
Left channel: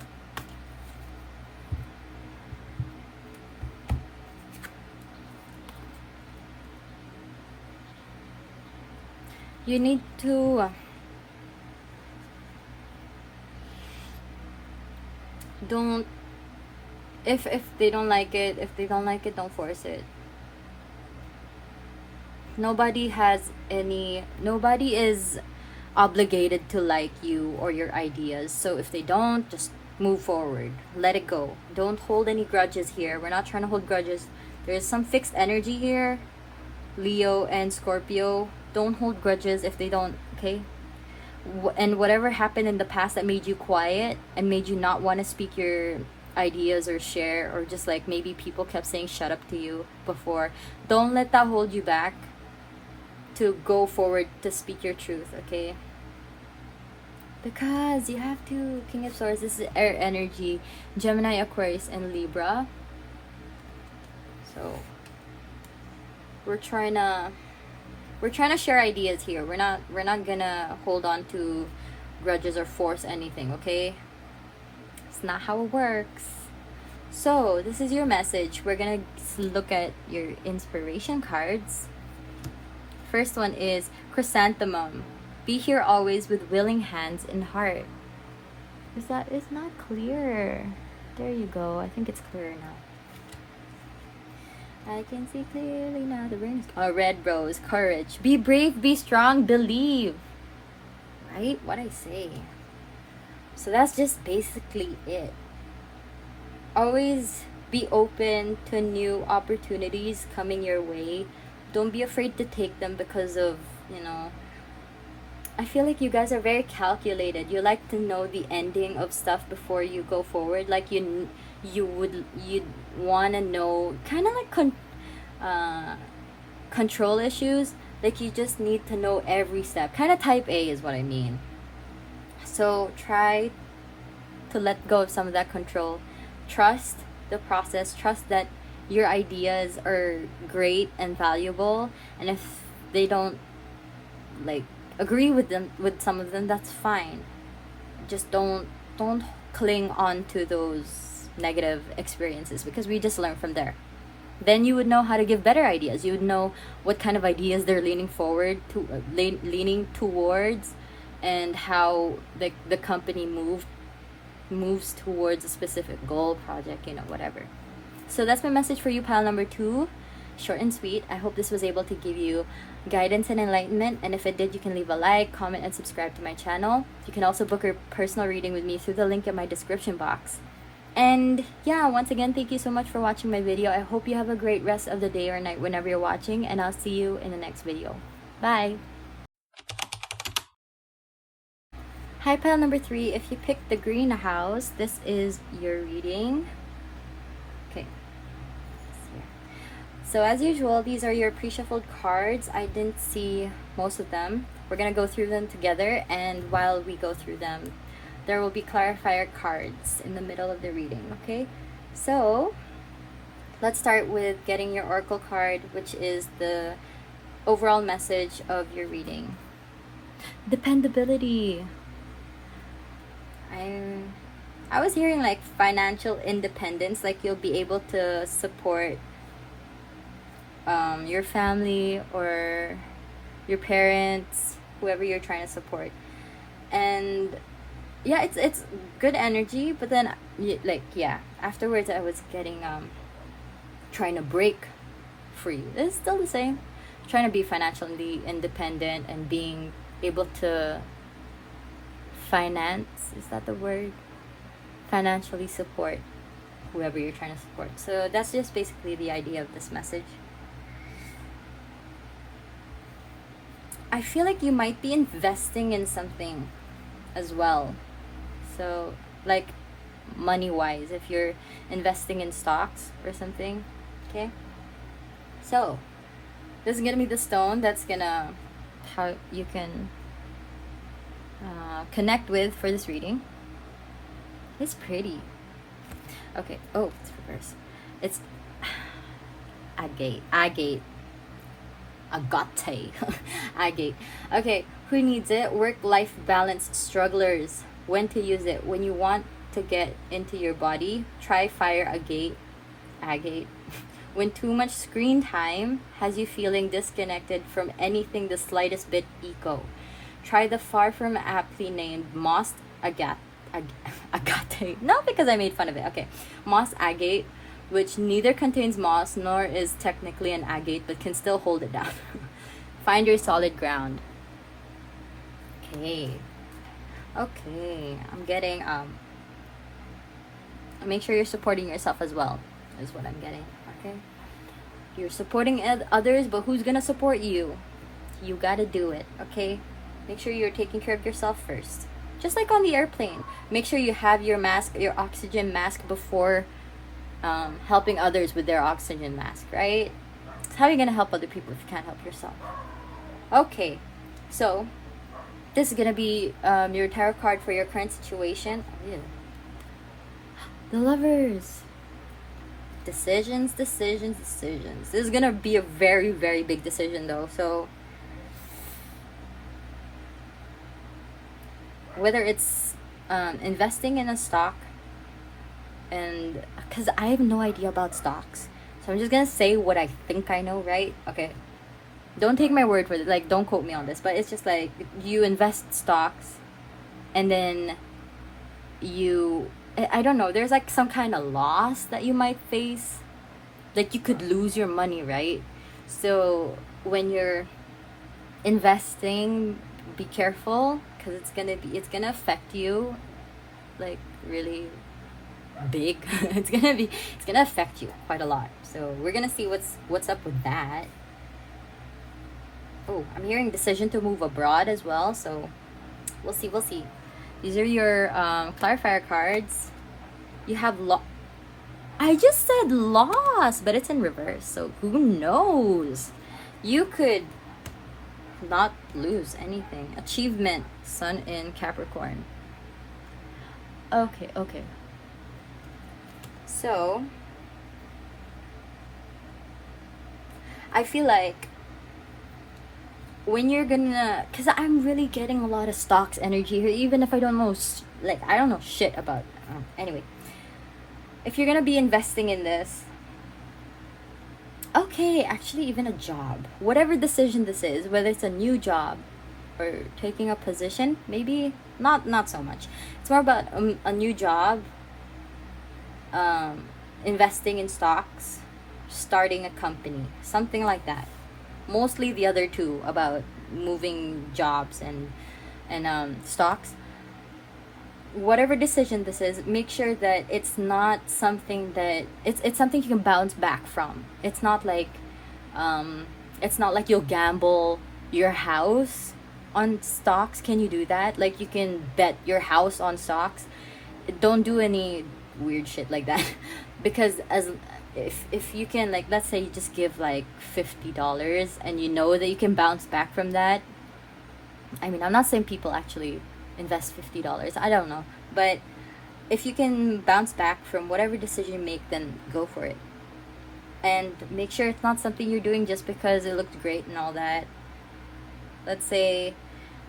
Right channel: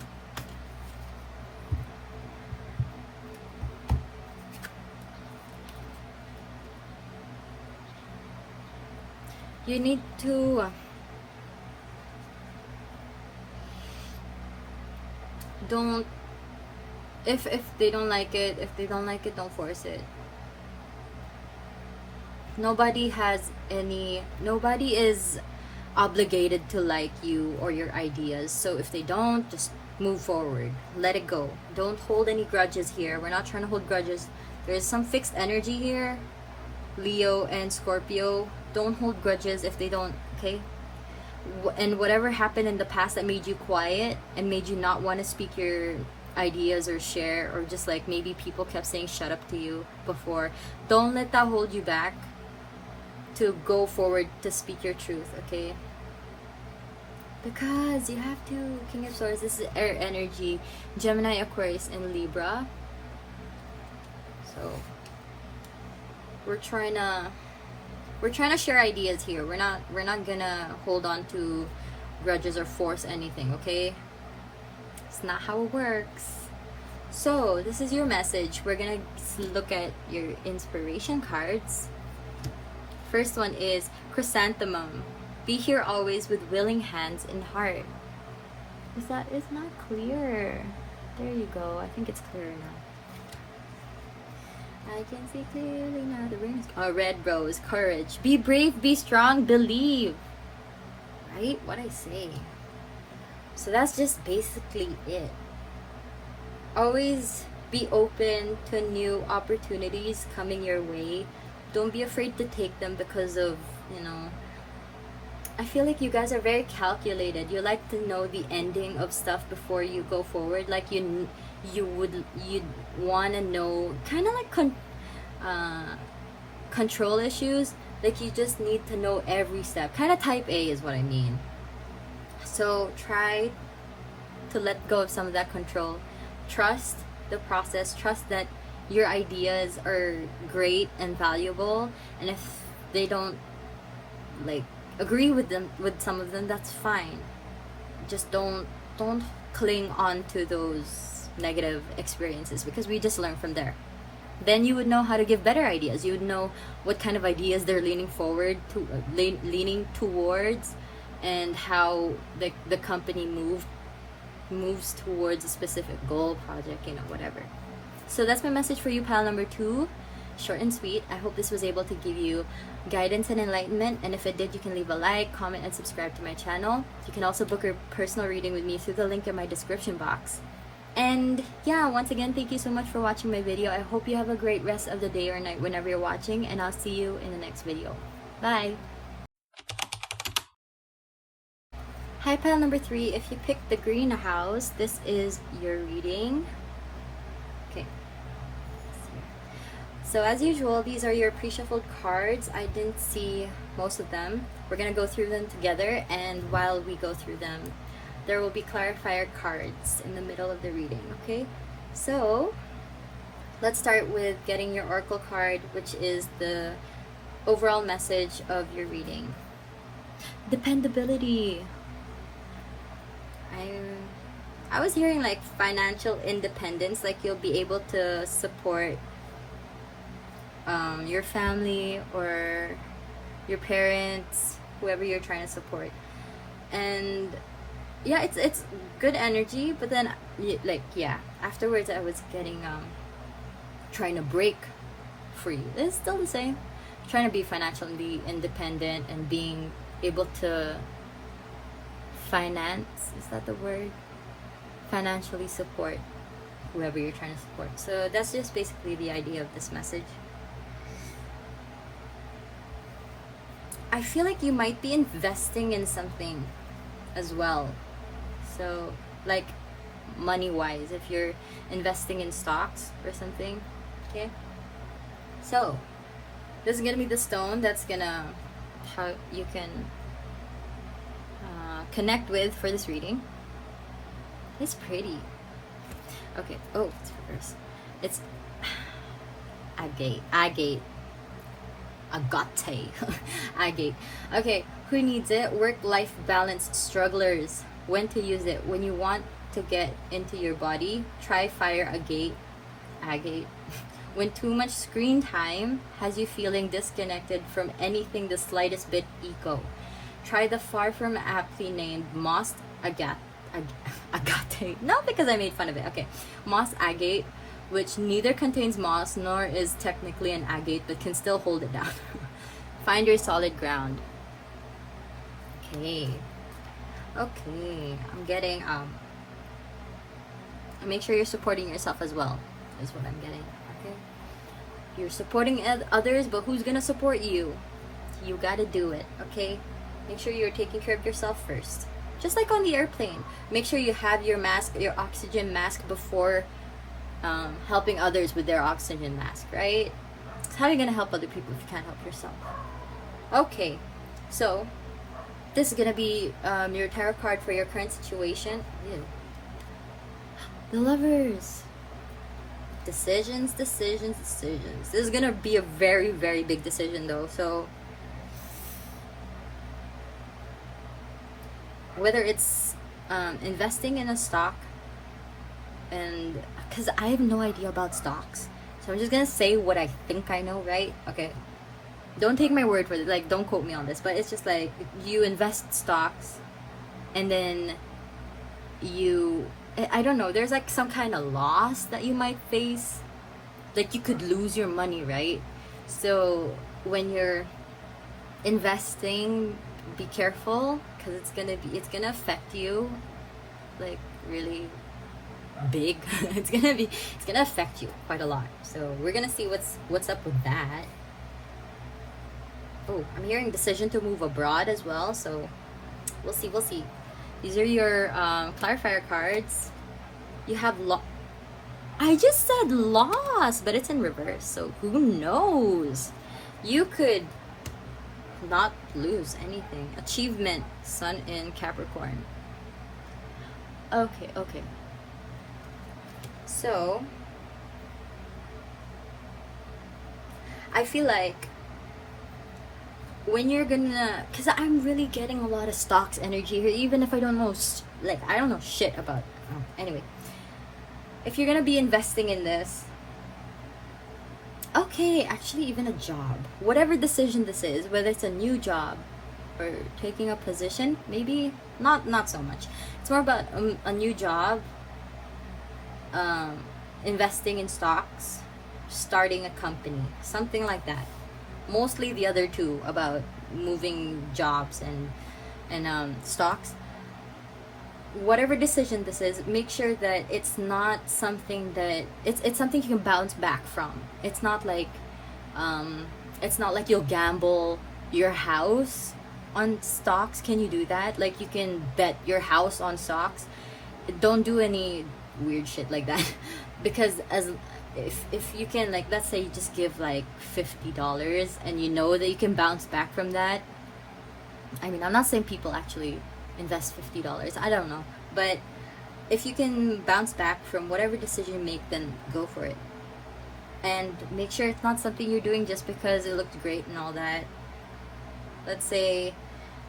You need to don't, if they don't like it, don't force it. Nobody is obligated to like you or your ideas. So if they don't, just move forward, let it go. Don't hold any grudges here. We're not trying to hold grudges. There's some fixed energy here, Leo and Scorpio. Don't hold grudges if they don't, okay? And whatever happened in the past that made you quiet and made you not want to speak your ideas or share, or just like maybe people kept saying shut up to you before, don't let that hold you back to go forward, to speak your truth, okay? Because you have to. King of Swords, this is air energy, Gemini, Aquarius, and Libra. So we're trying to share ideas here. We're not gonna hold on to grudges or force anything, okay? It's not how it works. So this is your message. We're gonna look at your inspiration cards. First one is Chrysanthemum. Be here always with willing hands and heart. Is not clear? There you go. I think it's clearer now. I can see clearly now. The ring is Red Rose. Courage. Be brave, be strong, believe. Right? What I say. So that's just basically it. Always be open to new opportunities coming your way. Don't be afraid to take them, because of, I feel like you guys are very calculated. You like to know the ending of stuff before you go forward. Like you'd want to know, kind of like control issues. Like you just need to know every step. Kind of type A is what I mean. So try to let go of some of that control. Trust the process. Trust that your ideas are great and valuable, and if they don't agree with some of them, that's fine. Just don't cling on to those negative experiences, because we just learn from there. Then you would know how to give better ideas. You would know what kind of ideas they're leaning towards, and how the company moves towards a specific goal, project, whatever. So that's my message for you, pile number 2. Short and sweet. I hope this was able to give you guidance and enlightenment. And if it did, you can leave a like, comment, and subscribe to my channel. You can also book a personal reading with me through the link in my description box. And yeah, once again, thank you so much for watching my video. I hope you have a great rest of the day or night whenever you're watching, and I'll see you in the next video. Bye! Hi, pile number 3. If you picked the green house, this is your reading. Okay. So as usual, these are your pre-shuffled cards. I didn't see most of them. We're going to go through them together, and while we go through them, there will be clarifier cards in the middle of the reading, okay? So, let's start with getting your oracle card, which is the overall message of your reading. Dependability. I was hearing like financial independence, like you'll be able to support your family or your parents, whoever you're trying to support. And yeah, it's good energy, but then like yeah, afterwards I was getting trying to break free. It's still the same, trying to be financially independent and being able to finance, is that the word, financially support whoever you're trying to support. So that's just basically the idea of this message. I feel like you might be investing in something as well. So like money wise, if you're investing in stocks or something, okay? So this is gonna be the stone that's gonna, how you can connect with for this reading. It's pretty. Okay, oh, it's reverse. It's agate. Agate. Okay, who needs it? Work-life balance strugglers. When to use it? When you want to get into your body, try fire agate. When too much screen time has you feeling disconnected from anything the slightest bit eco, try the far from aptly named moss agate. No, because I made fun of it. Okay, moss agate, which neither contains moss nor is technically an agate, but can still hold it down. Find your solid ground. Okay, I'm getting make sure you're supporting yourself as well, is what I'm getting. Okay, you're supporting others, but who's gonna support you? You gotta do it. Okay, make sure you're taking care of yourself first. Just like on the airplane, make sure you have your mask, your oxygen mask, before helping others with their oxygen mask, right? So how are you gonna help other people if you can't help yourself? Okay, so this is gonna be your tarot card for your current situation. Ew. The Lovers. Decisions. This is gonna be a very, very big decision though. So whether it's investing in a stock, and because I have no idea about stocks, so I'm just gonna say what I think I know, right? Okay, don't take my word for it, like don't quote me on this, but it's just like you invest stocks and then you, I don't know, there's like some kind of loss that you might face, like you could lose your money, right? So when you're investing, be careful, because it's gonna affect you like really big. it's gonna affect you quite a lot. So we're gonna see what's up with that. Oh, I'm hearing decision to move abroad as well, so we'll see. These are your clarifier cards. You have I just said loss, but it's in reverse, so who knows? You could not lose anything. Achievement, sun in Capricorn. Okay. So I feel like when you're gonna, because I'm really getting a lot of stocks energy here, even if I don't know, like I don't know shit about anyway, if you're gonna be investing in this, okay, actually even a job, whatever decision this is, whether it's a new job or taking a position, maybe not so much, it's more about a new job, investing in stocks, starting a company, something like that. mostly the other two about moving jobs and stocks. Whatever decision this is, make sure that it's not something that it's something you can bounce back from. It's not like you'll gamble your house on stocks. Can you do that? Like, you can bet your house on stocks. Don't do any weird shit like that. Because if you can, like, let's say you just give like $50 and you know that you can bounce back from that. I mean, I'm not saying people actually invest $50. I don't know. But if you can bounce back from whatever decision you make, then go for it. And make sure it's not something you're doing just because it looked great and all that. Let's say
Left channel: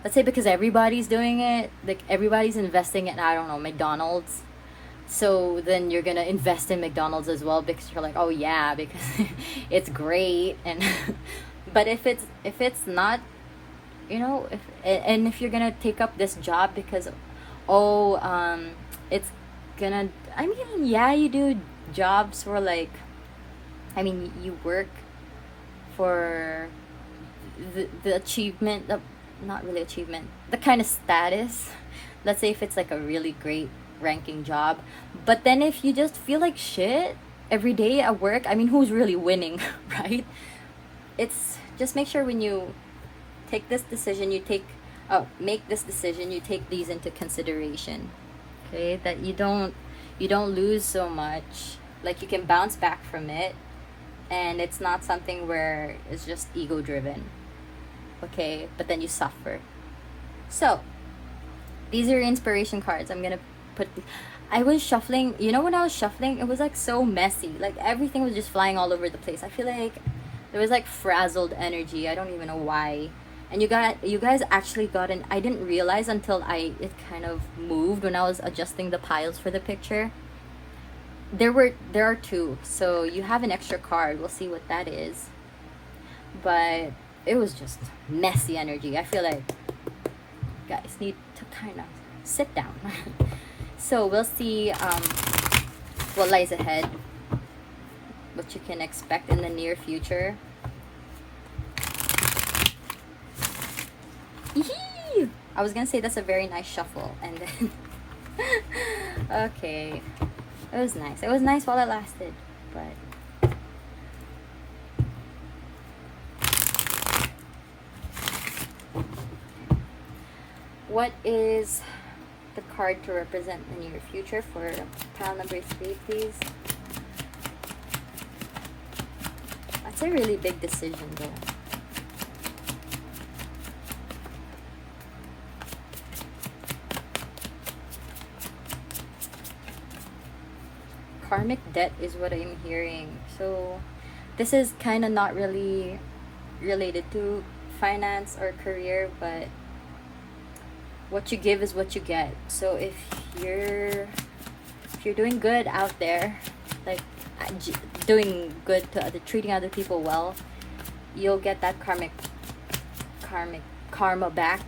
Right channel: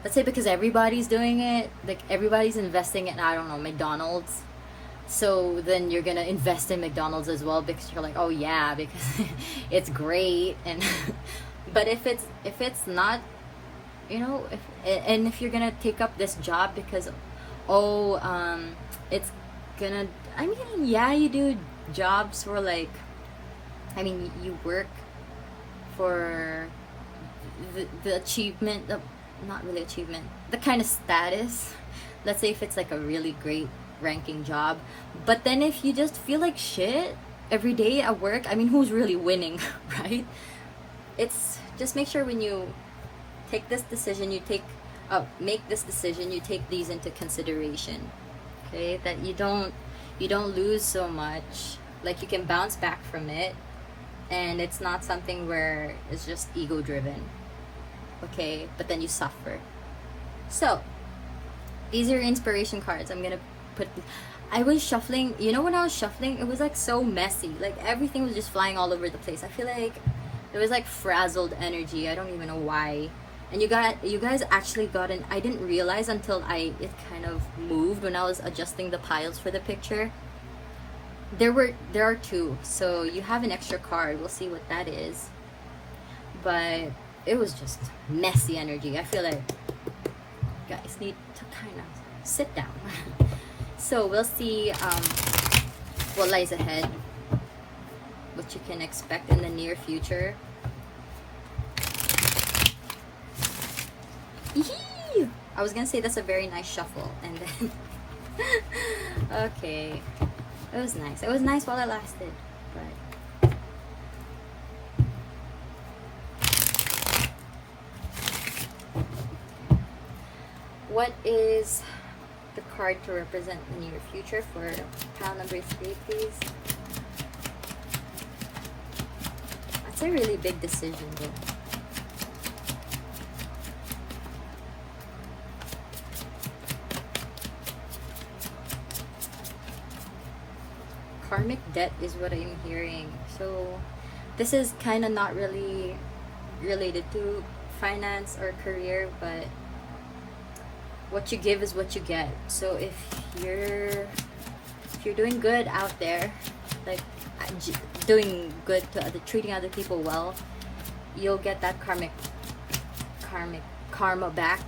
because everybody's doing it, like everybody's investing in, I don't know, McDonald's. So then you're gonna invest in McDonald's as well because you're like, oh yeah, because it's great. And but if it's not, you know, if you're gonna take up this job because it's gonna, I mean, yeah, you do jobs for like, I mean, you work for the achievement, not really achievement, the kind of status. Let's say if it's like a really great ranking job, but then if you just feel like shit every day at work, I mean, who's really winning? Right? It's just, make sure when you take this decision, make this decision, you take these into consideration, okay? That you don't lose so much, like you can bounce back from it, and it's not something where it's just ego driven, okay? But then you suffer. So these are your inspiration cards. I'm gonna put, I was shuffling, you know, when I was shuffling, it was like so messy, like everything was just flying all over the place. I feel like there was like frazzled energy. I don't even know why. And you guys actually got an, I didn't realize until it kind of moved when I was adjusting the piles for the picture. There are two, so you have an extra card. We'll see what that is. But it was just messy energy. I feel like you guys need to kind of sit down. So we'll see what lies ahead, what you can expect in the near future. Yee! I was gonna say that's a very nice shuffle, and then okay, it was nice. It was nice while it lasted, but what is the card to represent the near future for pile number 3, please? That's a really big decision, though. Karmic debt is what I'm hearing. So this is kind of not really related to finance or career, but what you give is what you get. So if you're doing good out there, like doing good to treating other people well, you'll get that karma back.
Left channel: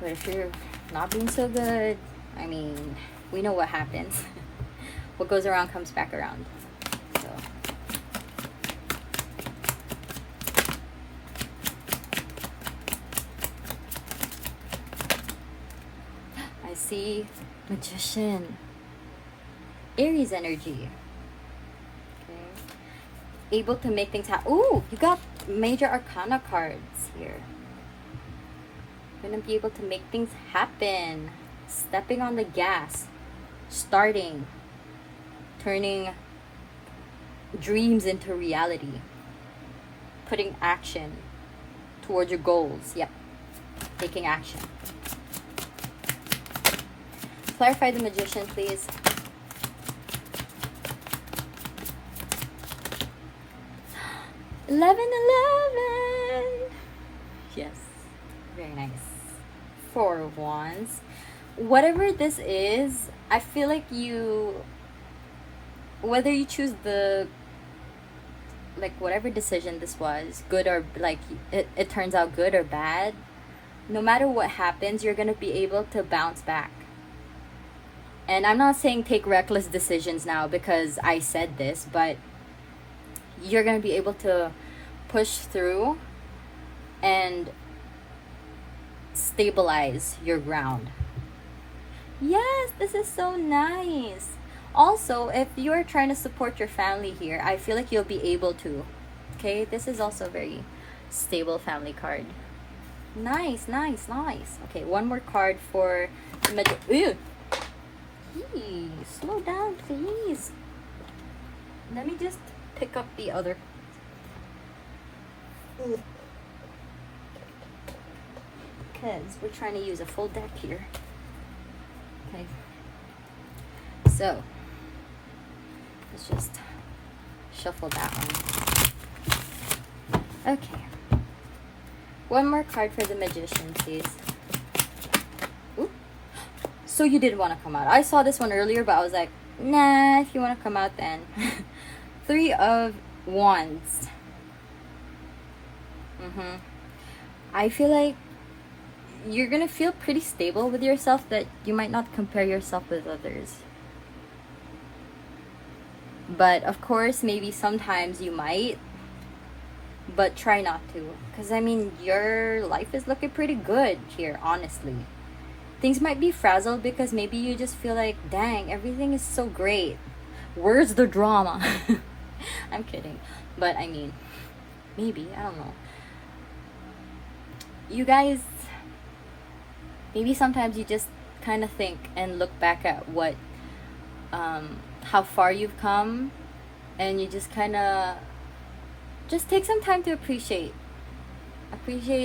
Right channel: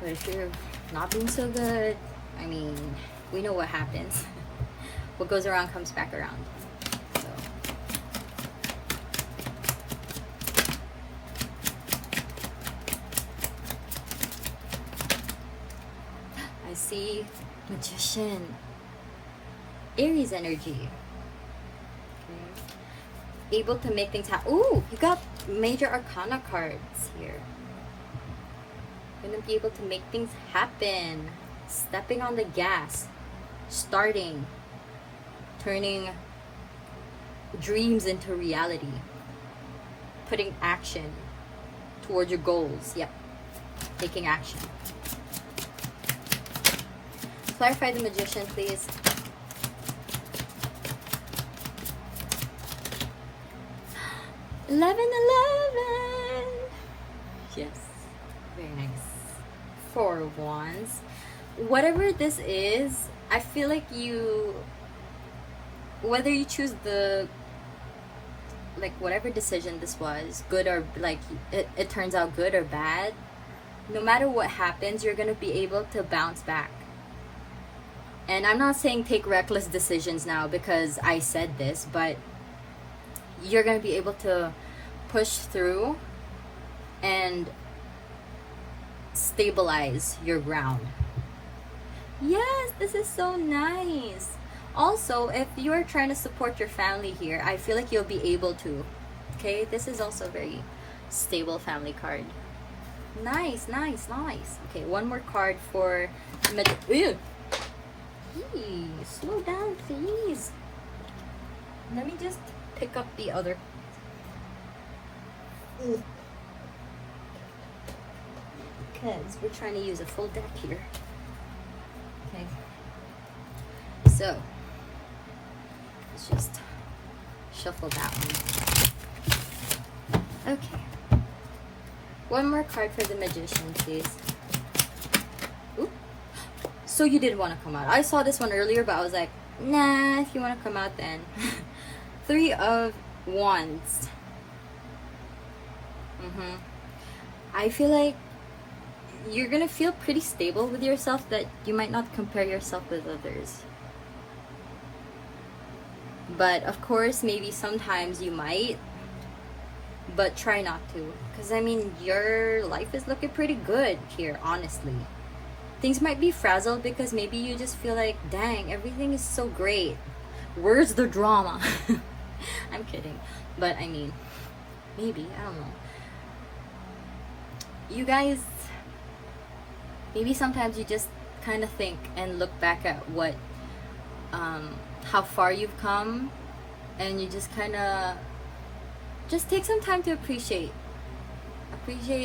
But if you're not being so good, I mean, we know what happens. What goes around comes back around. So I see Magician, Aries energy. Okay. Able to make things happen. Ooh, you got major arcana cards here. Gonna be able to make things happen. Stepping on the gas. Starting. Turning dreams into reality. Putting action towards your goals. Yep. Taking action. Clarify the Magician, please. Eleven. Yes. Very nice. 4 of Wands. Whatever this is, I feel like whether you choose whatever decision this was, good or like it turns out good or bad, no matter what happens, you're gonna be able to bounce back. And I'm not saying take reckless decisions now because I said this, but you're gonna be able to push through and stabilize your ground. Yes, this is so nice. Also, if you're trying to support your family here, I feel like you'll be able to. Okay, this is also a very stable family card. Nice, nice, nice. Okay, one more card for Ew. Hey, slow down, please. Let me just pick up the other. Because we're trying to use a full deck here. Okay. So, let's just shuffle that one. Okay. One more card for the Magician, please. Ooh. So you did want to come out. I saw this one earlier, but I was like, nah, if you want to come out then. Three of Wands. I feel like you're gonna feel pretty stable with yourself, that you might not compare yourself with others. But of course, maybe sometimes you might, but try not to. Because I mean, your life is looking pretty good here, honestly. Things might be frazzled because maybe you just feel like, dang, everything is so great. Where's the drama? I'm kidding. But I mean, maybe, I don't know. You guys, maybe sometimes you just kind of think and look back at what, how far you've come, and you just kind of, just take some time to appreciate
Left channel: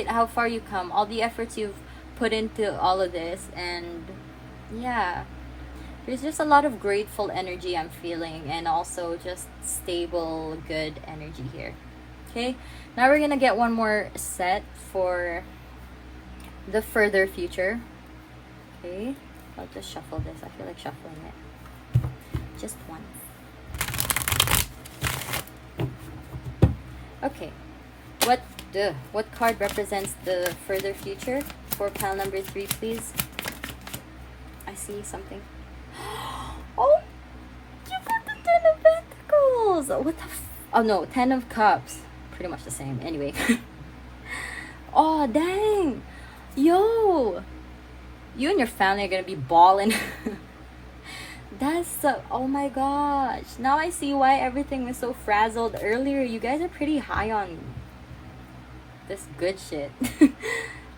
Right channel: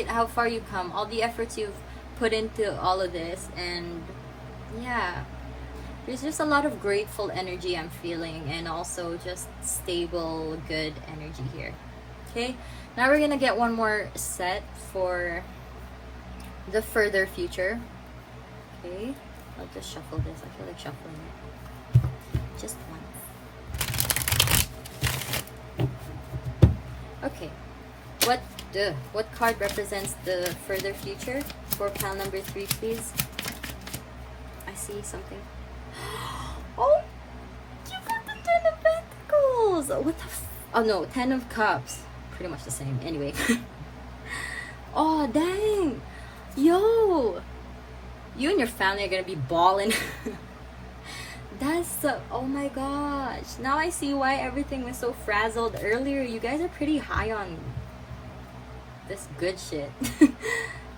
how far you've come, all the efforts you've put into all of this. And yeah, there's just a lot of grateful energy I'm feeling, and also just stable, good energy here. Okay, now we're gonna get one more set for the further future. Okay, I'll just shuffle this. I feel like shuffling it just once. Okay, what card represents the further future for pile number 3, please? I see something. Oh, you got the 10 of Pentacles. What the oh no, 10 of Cups. Pretty much the same. Anyway. Oh, dang. Yo. You and your family are going to be balling. That's so, oh my gosh. Now I see why everything was so frazzled earlier. You guys are pretty high on this good shit.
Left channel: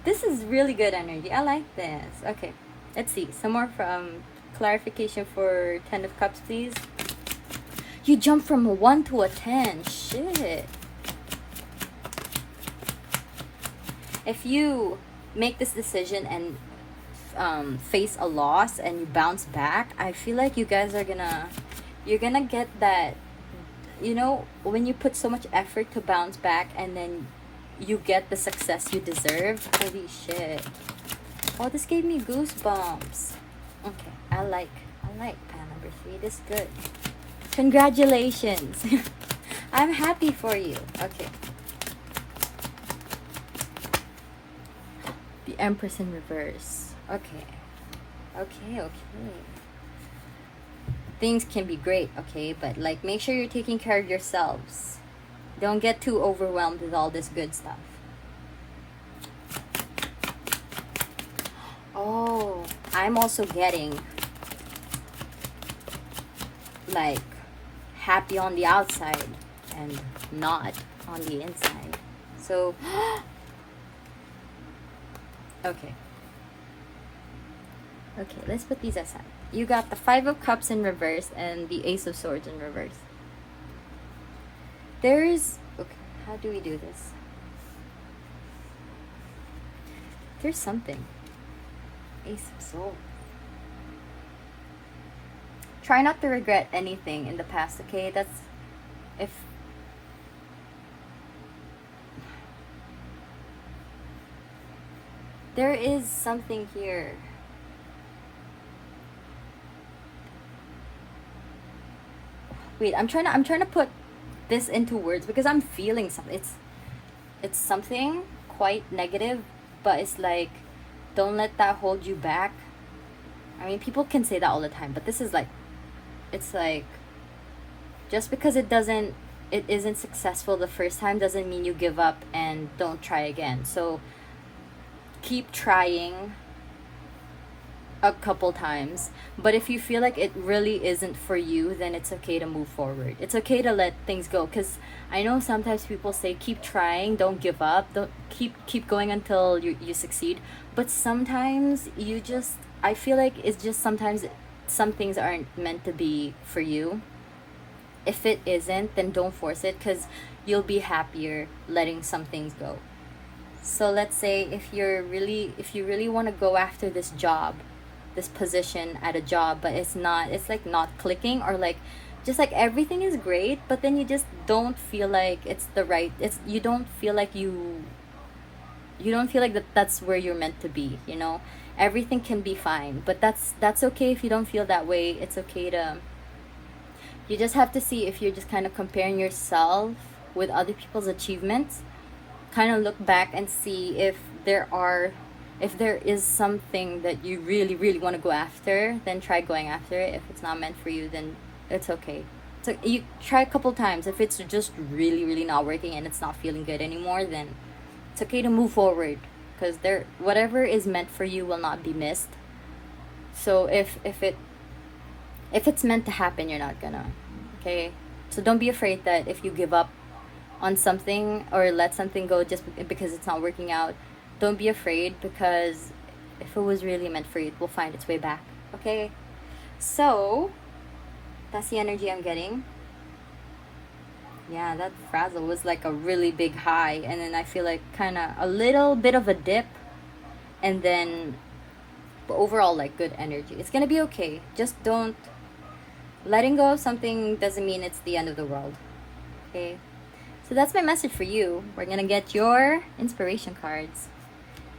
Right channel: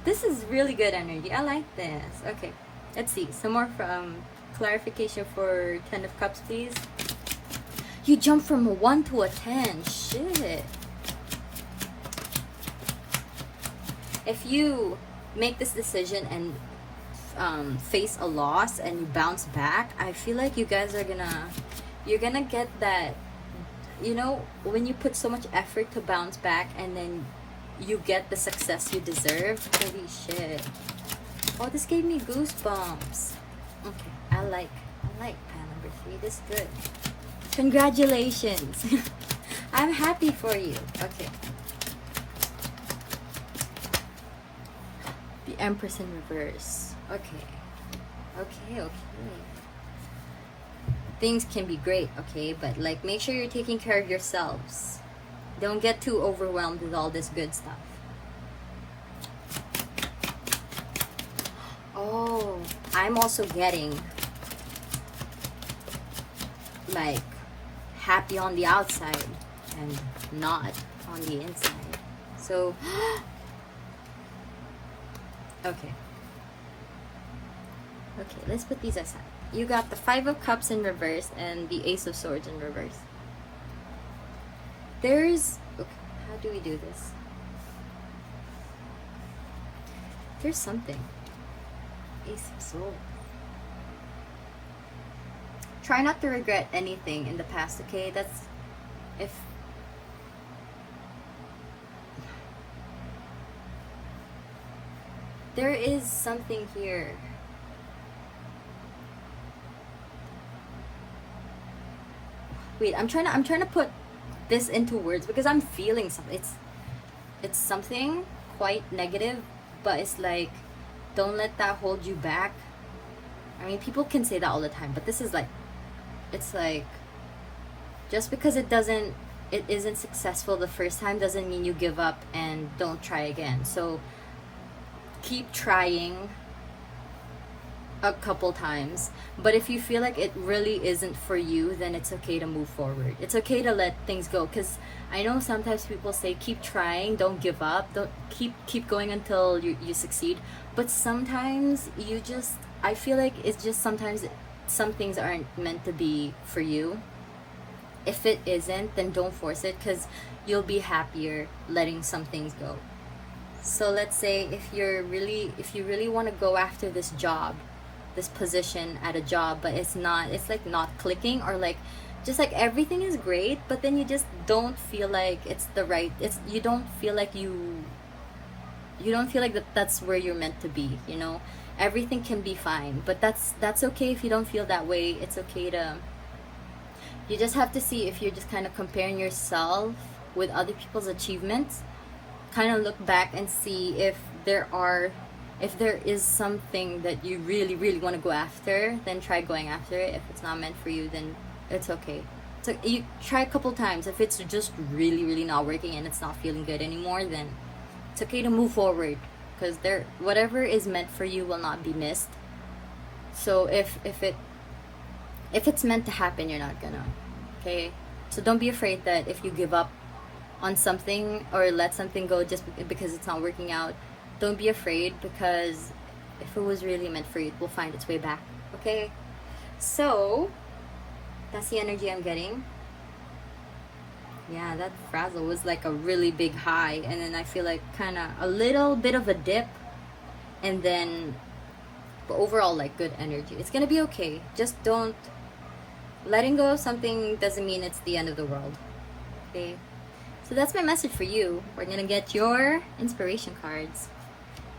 This is really good energy. I like this. Okay. Let's see. Some more from clarification for 10 of Cups, please. You jumped from a 1 to a 10. Shit. If you make this decision and face a loss and you bounce back, I feel like you guys are you're gonna get that, you know, when you put so much effort to bounce back and then you get the success you deserve. Holy shit. Oh, this gave me goosebumps. Okay, I like pile number 3. This is good. Congratulations. I'm happy for you. Okay. The Empress in reverse. Okay. Okay. Things can be great, okay? But, like, make sure you're taking care of yourselves. Don't get too overwhelmed with all this good stuff. Oh, I'm also getting, like, happy on the outside and not on the inside. So, okay, let's put these aside. You got the 5 of Cups in reverse and the Ace of Swords in reverse. There's, okay, how do we do this? There's something. Ace of Swords. Try not to regret anything in the past, okay? That's, if there is something here. Wait, I'm trying to put this into words because I'm feeling something. It's something quite negative, but it's like, don't let that hold you back. I mean, people can say that all the time, but this is like, it's like, just because it doesn't it isn't successful the first time doesn't mean you give up and don't try again. So keep trying a couple times. But if you feel like it really isn't for you, then it's okay to move forward. It's okay to let things go, because I know sometimes people say keep trying, don't give up, don't keep going until you succeed. But sometimes you just, I feel like it's just sometimes some things aren't meant to be for you. If it isn't, then don't force it, because you'll be happier letting some things go. So let's say if you really want to go after this job, this position at a job, but it's like not clicking, or like just like everything is great, but then you just don't feel like it's the right, you don't feel like that's where you're meant to be, you know. Everything can be fine, but that's okay if you don't feel that way. It's okay to, you just have to see if you're just kind of comparing yourself with other people's achievements. Kind of look back and see if there is something that you really really want to go after, then try going after it. If it's not meant for you, then it's okay. So you try a couple times. If it's just really really not working and it's not feeling good anymore, then it's okay to move forward, because whatever is meant for you will not be missed. So if it's meant to happen, you're not gonna, okay? So don't be afraid that if you give up on something or let something go just because it's not working out, don't be afraid, because if it was really meant for you, it will find its way back, okay? So that's the energy I'm getting. Yeah, that frazzle was like a really big high, and then I feel like kind of a little bit of a dip, and then but overall like good energy. It's gonna be okay. Just don't, letting go of something doesn't mean it's the end of the world, okay? So that's my message for you. We're gonna get your inspiration cards.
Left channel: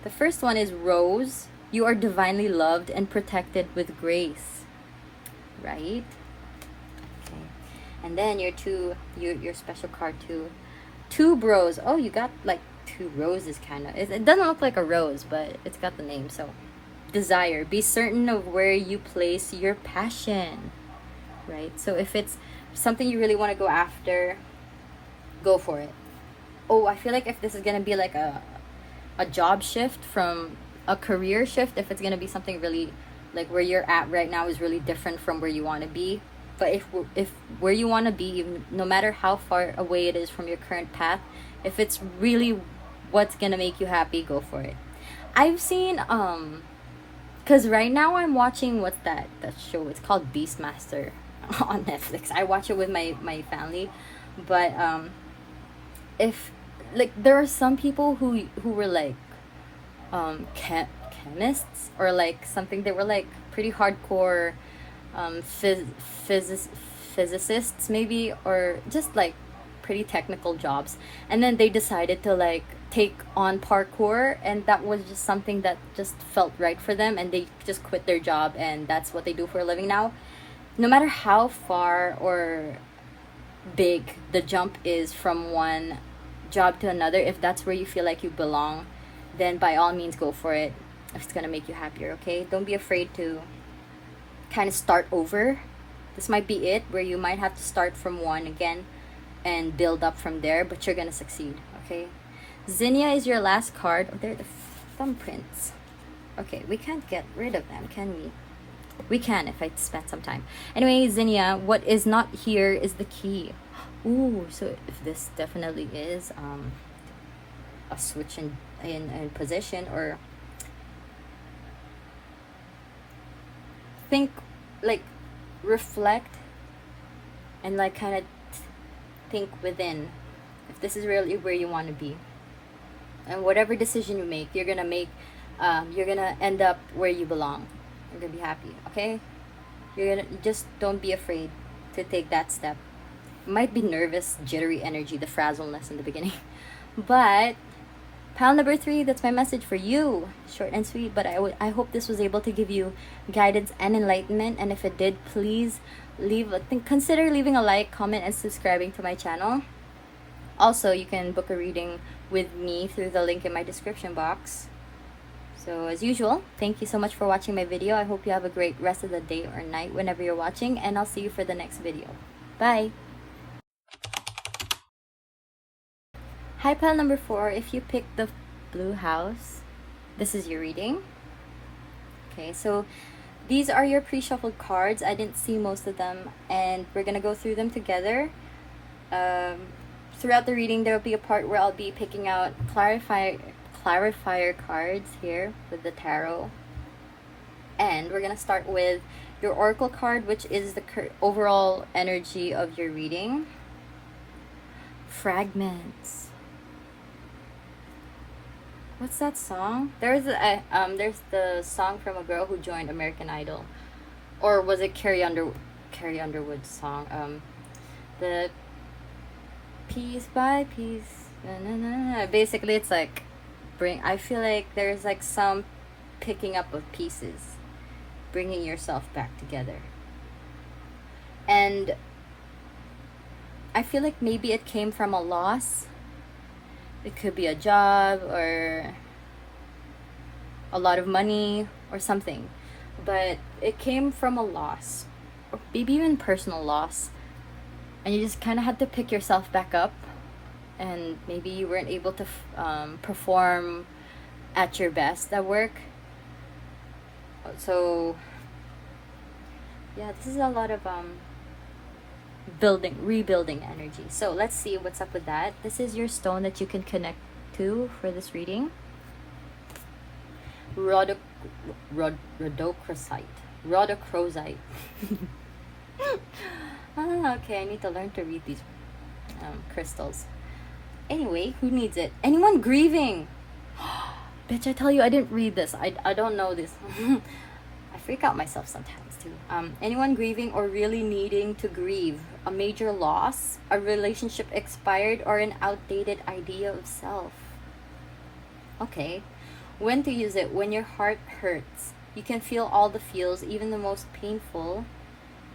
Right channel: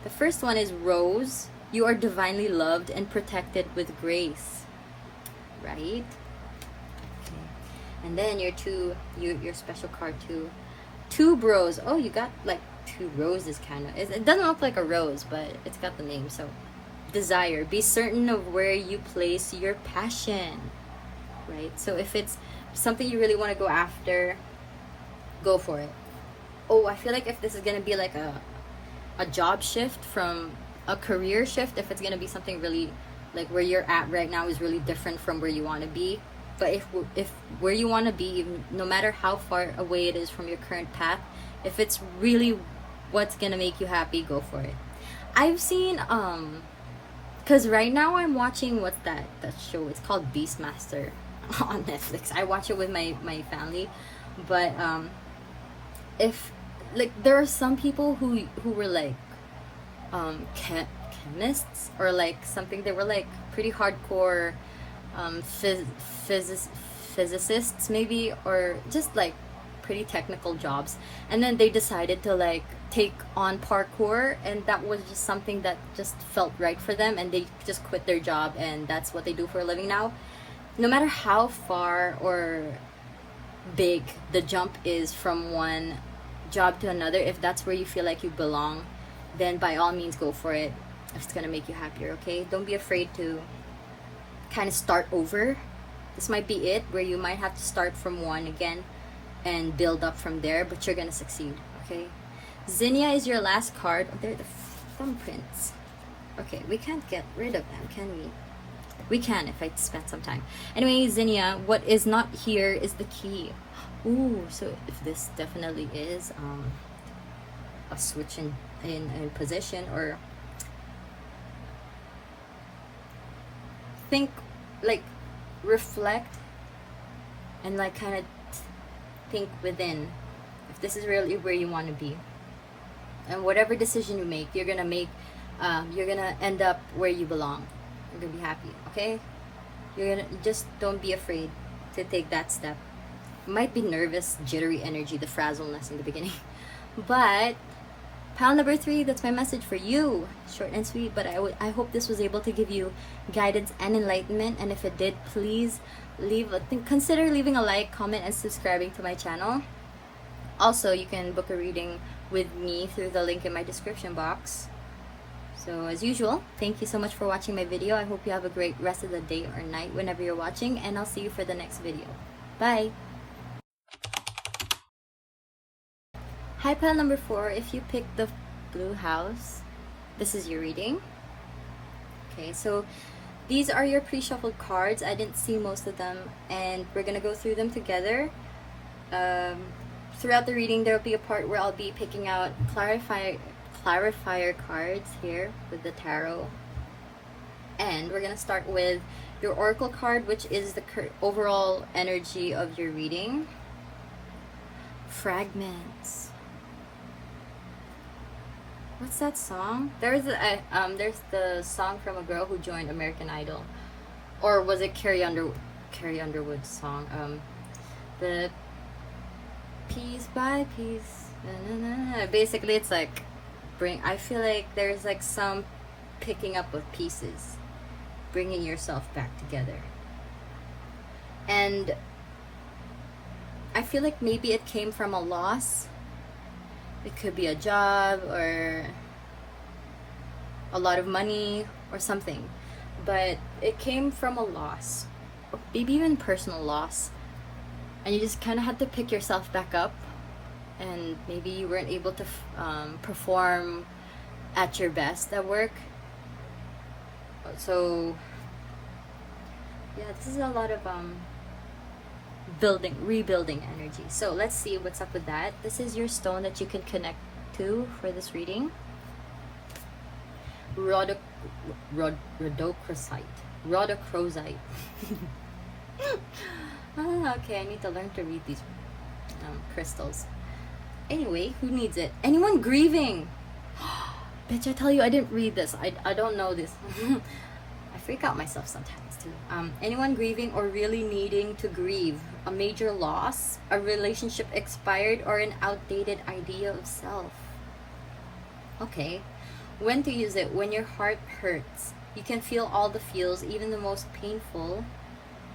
The first one is Rose. You are divinely loved and protected with grace. Right? Okay. And then your special card too. Two Bros. Oh, you got like two roses kind of. It doesn't look like a rose, but it's got the name. So, desire. Be certain of where you place your passion. Right? So if it's something you really want to go after, go for it. Oh, I feel like if this is gonna be like a job shift from a career shift, if it's gonna be something really like where you're at right now is really different from where you want to be, but if where you want to be, no matter how far away it is from your current path, if it's really what's gonna make you happy, go for it. I've seen because right now I'm watching, what's that show, it's called Beastmaster on Netflix. I watch it with my family, but if like there are some people who were like chemists or like something, they were like pretty hardcore physicists maybe, or just like pretty technical jobs, and then they decided to like take on parkour, and that was just something that just felt right for them, and they just quit their job and that's what they do for a living now. No matter how far or big the jump is from one job to another, if that's where you feel like you belong, then by all means go for it if it's gonna make you happier, okay? Don't be afraid to kind of start over. This might be it, where you might have to start from one again and build up from there, but you're gonna succeed, okay? Zinnia is your last card. Oh, they're the thumbprints. Okay, we can't get rid of them, can we? We can if I spend some time. Anyway, Zinnia, what is not here is the key. Ooh, so if this definitely is a switch in position, or think, like reflect and like kind of think within if this is really where you want to be, and whatever decision you make, you're gonna end up where you belong. You're gonna be happy, okay? Just don't be afraid to take that step. Might be nervous, jittery energy, the frazzleness in the beginning, but pile number 3, that's my message for you. Short and sweet, but I hope this was able to give you guidance and enlightenment, and if it did, please consider leaving a like, comment, and subscribing to my channel. Also, you can book a reading with me through the link in my description box. So as usual, thank you so much for watching my video. I hope you have a great rest of the day or night whenever you're watching, and I'll see you for the next video. Bye! Hi, pile number 4. If you pick the blue house, this is your reading. Okay, so these are your pre-shuffled cards. I didn't see most of them, and we're gonna go through them together. Throughout the reading, there will be a part where I'll be picking out clarifier cards here with the tarot. And we're gonna start with your oracle card, which is the overall energy of your reading. Fragments. What's that song? There's the song from a girl who joined American Idol, or was it Carrie Underwood's song? The piece by piece. Na, na, na. Basically, it's like I feel like there's like some picking up of pieces, bringing yourself back together, and I feel like maybe it came from a loss. It could be a job or a lot of money or something, but it came from a loss, or maybe even personal loss, and you just kind of had to pick yourself back up, and maybe you weren't able to perform at your best at work. So yeah, this is a lot of rebuilding energy. So let's see what's up with that. This is your stone that you can connect to for this reading. Rhodochrosite. Okay, I need to learn to read these crystals. Anyway, who needs it? Anyone grieving? Bitch, I tell you, I didn't read this. I don't know this. I freak out myself sometimes too. Anyone grieving or really needing to grieve a major loss, a relationship expired, or an outdated idea of self. Okay. When to use it? When your heart hurts. You can feel all the feels, even the most painful,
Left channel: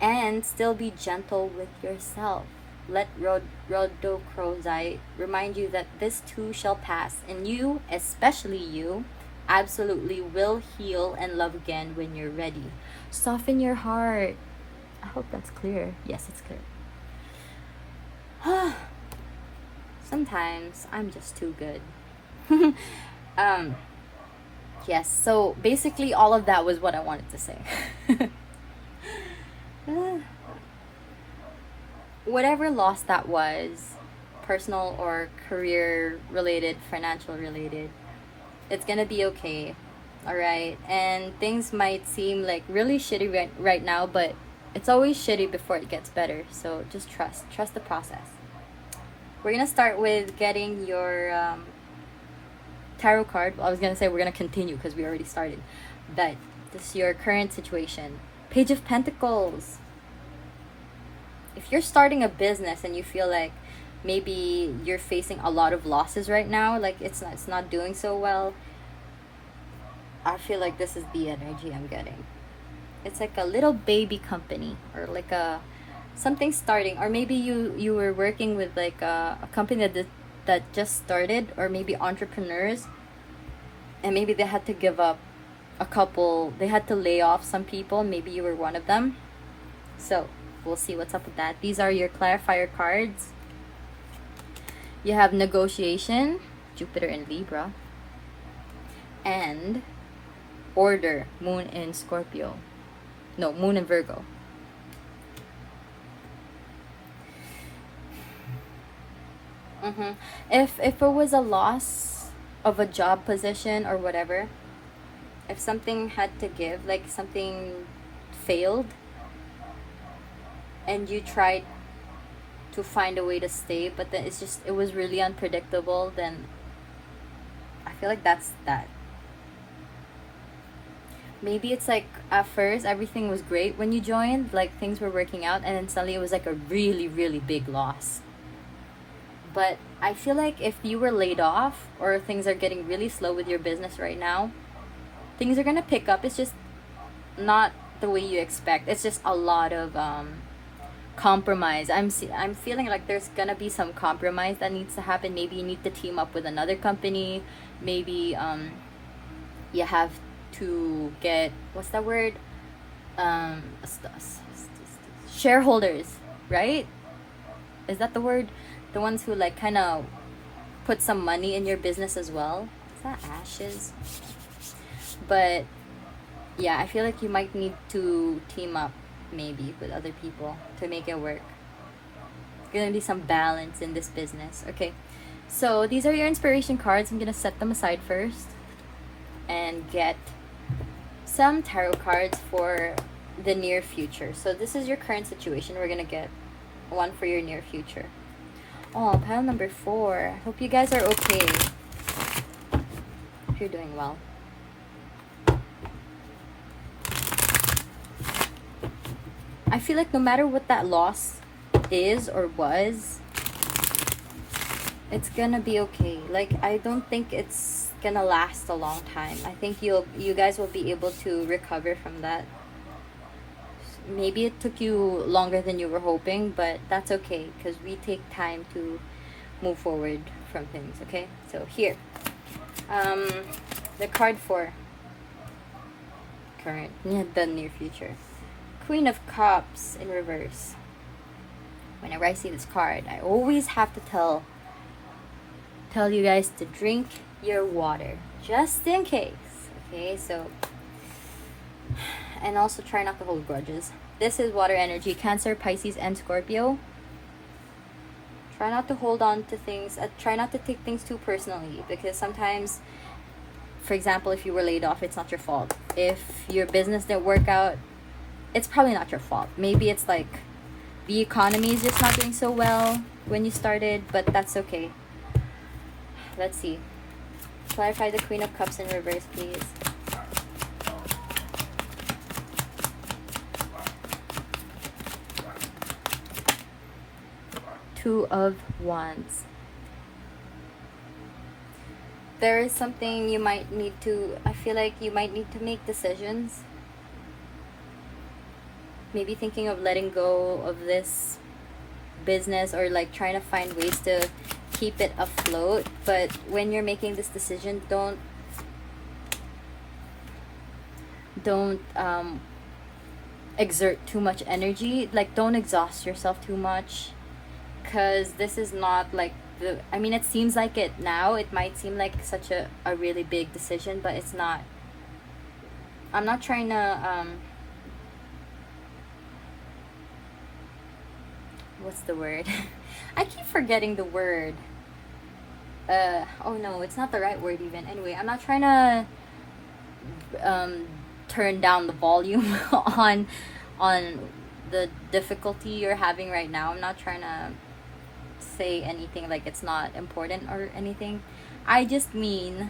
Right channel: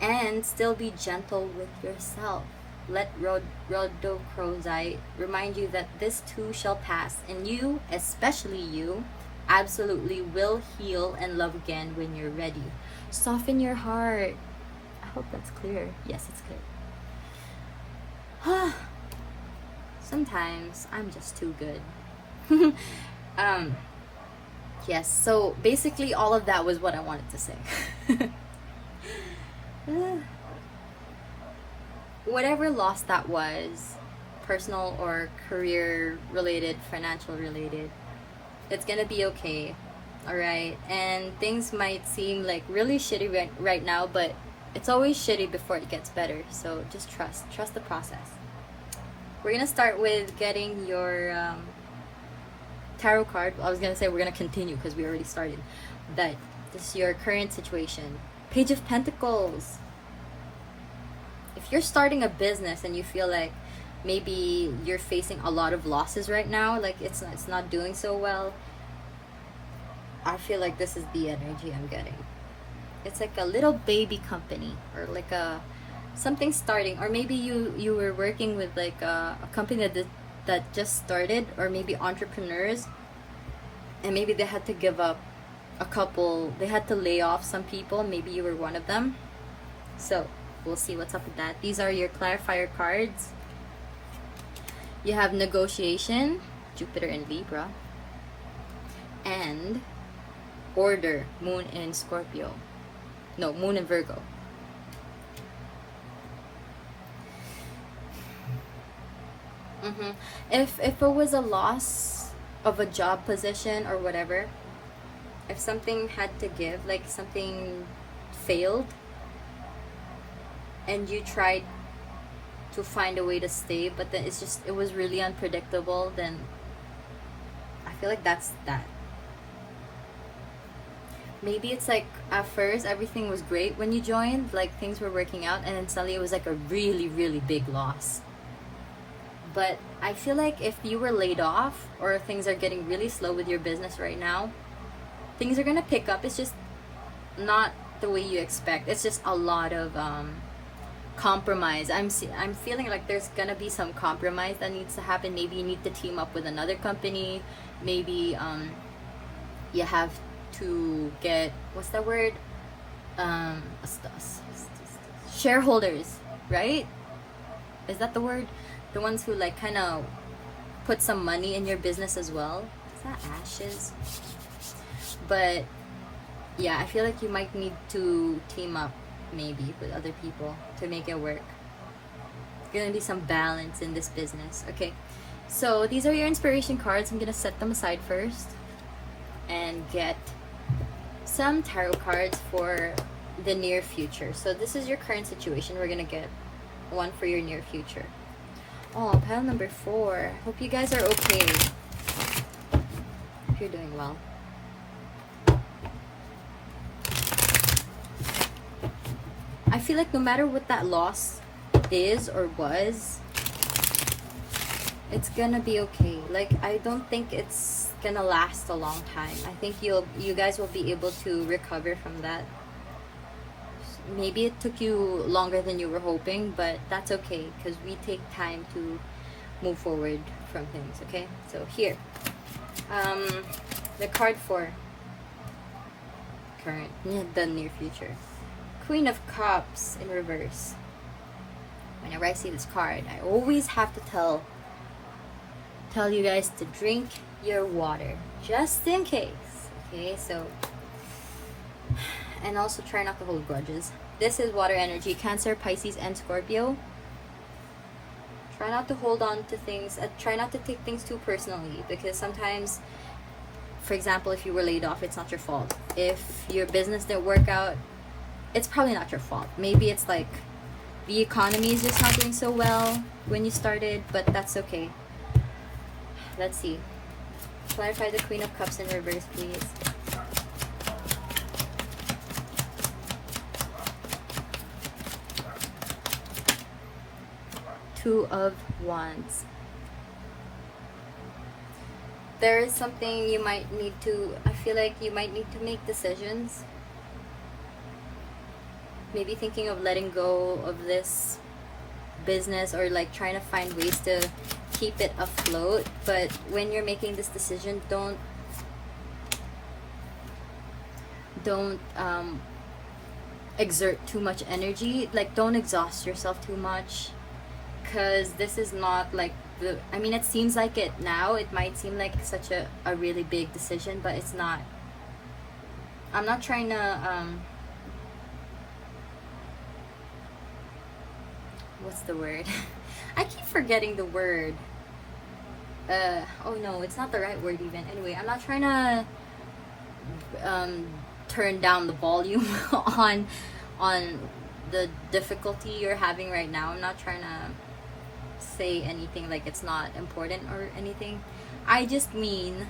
and still be gentle with yourself. Let Rhodochrosite remind you that this too shall pass, and you, especially you, absolutely will heal and love again when you're ready. Soften your heart. I hope that's clear. Yes, it's clear. Sometimes I'm just too good. Yes, so basically all of that was what I wanted to say. Whatever loss that was, personal or career related, financial related, it's gonna be okay. All right, and things might seem like really shitty right now, but it's always shitty before it gets better. So just trust the process. We're gonna start with getting your tarot card. I was gonna say we're gonna continue because we already started, but this is your current situation. Page of Pentacles. If you're starting a business and you feel like maybe you're facing a lot of losses right now, like it's not doing so well, I feel like this is the energy I'm getting. It's like a little baby company, or like something starting, or maybe you were working with like a company that just started, or maybe entrepreneurs, and maybe they had to give up they had to lay off some people. Maybe you were one of them. So we'll see what's up with that. These are your clarifier cards. You have negotiation, Jupiter in Libra, and order, moon in Scorpio. No, moon in Virgo. If it was a loss of a job position or whatever, if something had to give, like something failed, and you tried to find a way to stay, but then it was really unpredictable, then I feel like that's that. Maybe it's like at first everything was great when you joined, like things were working out, and then suddenly it was like a really, really big loss. But I feel like if you were laid off, or things are getting really slow with your business right now, things are gonna pick up. It's just not the way you expect. It's just a lot of compromise. I'm feeling like there's gonna be some compromise that needs to happen. Maybe you need to team up with another company. Maybe you have to get, what's that word, shareholders, right? Is that the word? The ones who like kind of put some money in your business as well. Is that ashes? But yeah, I feel like you might need to team up maybe with other people to make it work. There's gonna be some balance in this business. Okay, so these are your inspiration cards. I'm gonna set them aside first and get some tarot cards for the near future. So this is your current situation. We're gonna get one for your near future. Oh, pile number 4. Hope you guys are okay. Hope you're doing well. I feel like no matter what that loss is or was, it's gonna be okay. Like, I don't think it's gonna last a long time. I think you guys will be able to recover from that. Maybe it took you longer than you were hoping, but that's okay, because we take time to move forward from things. Okay, so here, the card for current, the near future. Queen of Cups in reverse. Whenever I see this card, I always have to tell you guys to drink your water, just in case. Okay, so, and also try not to hold grudges. This is water energy, Cancer, Pisces, and Scorpio. Try not to hold on to things. Try not to take things too personally, because sometimes, for example, if you were laid off, it's not your fault. If your business didn't work out, it's probably not your fault. Maybe it's like the economy is just not doing so well when you started, but that's okay. Let's see. Clarify the Queen of Cups in reverse, please. Two of Wands. There is something you might need to, I feel like you might need to make decisions. Maybe thinking of letting go of this business, or like trying to find ways to keep it afloat. But when you're making this decision, don't exert too much energy. Like, don't exhaust yourself too much, because this is not like the, I mean, it seems like it now. It might seem like such a really big decision, but it's not. I'm not trying to what's the word? I keep forgetting the word. Oh no, it's not the right word even. Anyway, I'm not trying to turn down the volume on the difficulty you're having right now. I'm not trying to say anything like it's not important or anything. I just mean